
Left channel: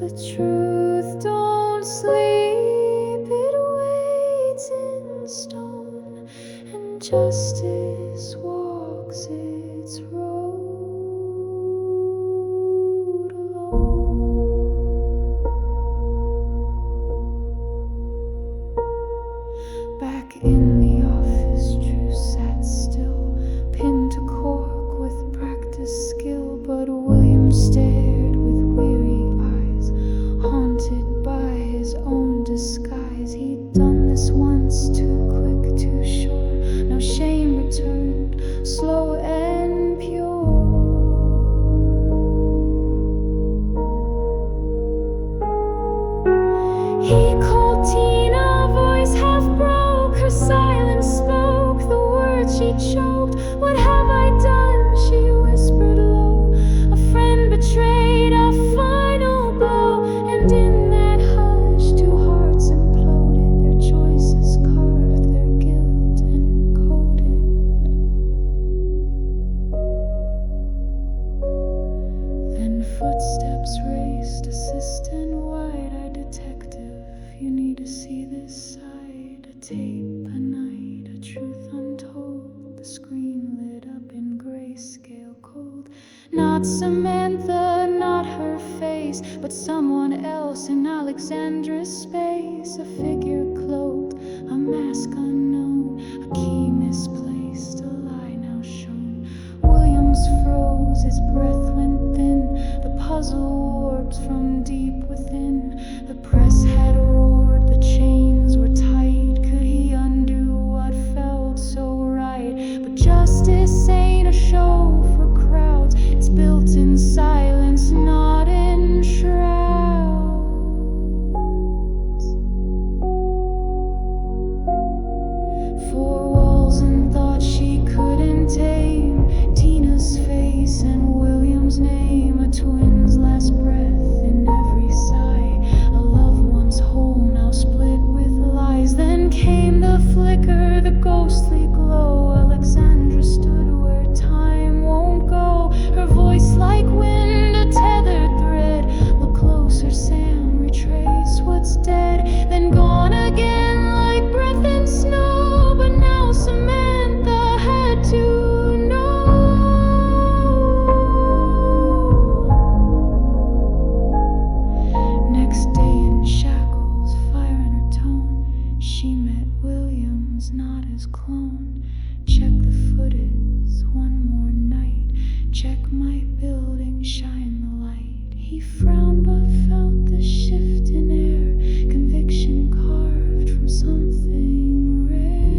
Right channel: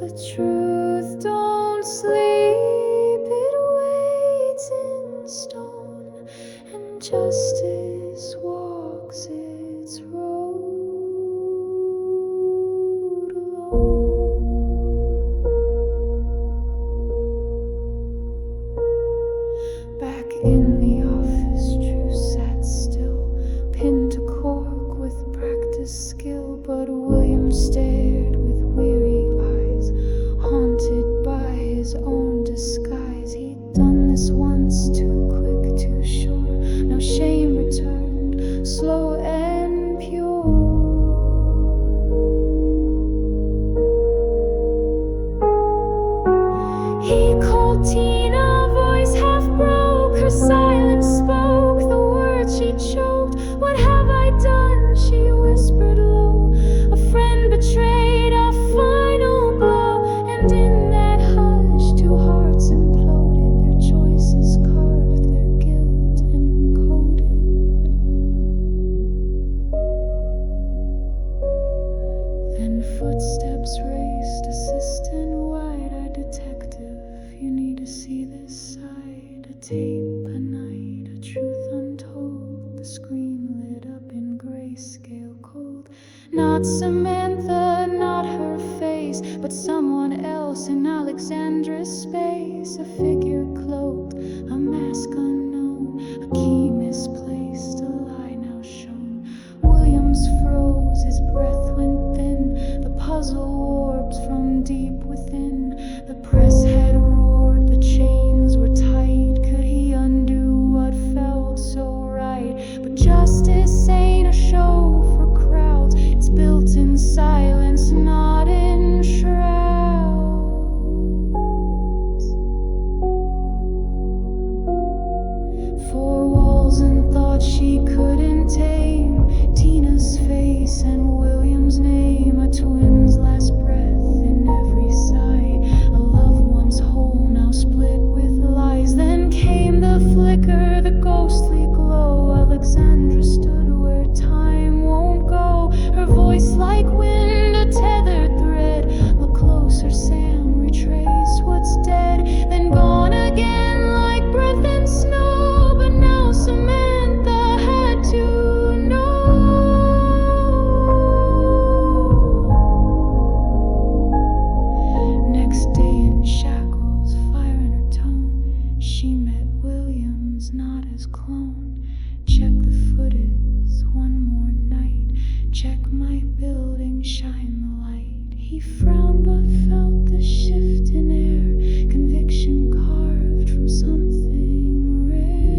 The truth don't sleep, it waits in stone, and justice walks its road alone. Back in the final Tina voice half broke. Her silence spoke the words she choked. What have I done? She whispered low. A friend betrayed, a final blow. And in that hush, two hearts imploded. Their choices carved, their guilt encoded. Then footsteps raced, assistant wide-eyed detective. You need to see this side. A tape, a night, a truth untold. The screen lit up in grayscale cold. Not Samantha, not her face, but someone else in Alexandra's space. A figure cloaked, a mask unknown, a key misplaced, a lie now shown. Williams froze, his breath went thin. The puzzle warps from deep within. The press had roared, the chains were tight. Could he undo what felt so right? But justice ain't a show for crowds. It's built in silence, not in shrouds. Four walls and thoughts she couldn't tame. Tina's face and William's name. A twin's last breath in every sigh. A loved one's whole now split with lies. Then came the flicker, the ghostly glow. Alexandra stood where time won't go. Her voice like wind, a tethered thread. Look closer, Sam, retrace what's dead. Then gone again like breath and snow. But now Samantha had to know. Next day in shackles, fire in her tone. She met Williams, not his clone. Check the footage, one more night. Check my building, shine the light. He frowned but felt the shift in air. Conviction carved from something rare.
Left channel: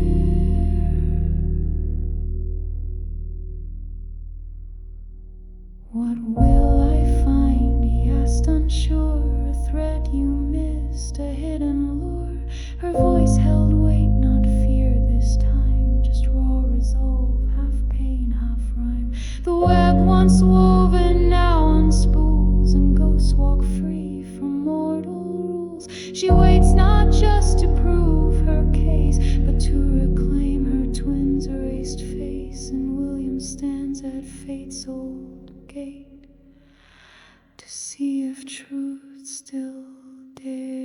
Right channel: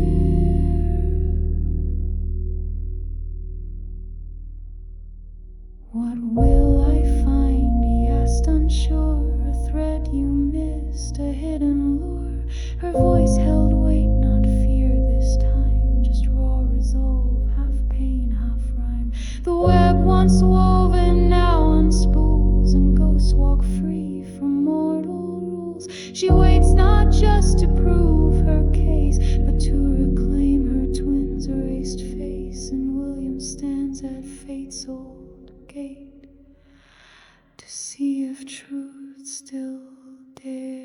What will I find? He asked unsure. A thread you missed, a hidden lure. Her voice held weight, not fear this time. Just raw resolve, half pain, half rhyme. The web once woven now unspools, and ghosts walk free from mortal rules. She waits not just to prove her case, but to reclaim her twin's erased face. And William stands at fate's old gate to see if truth still dares.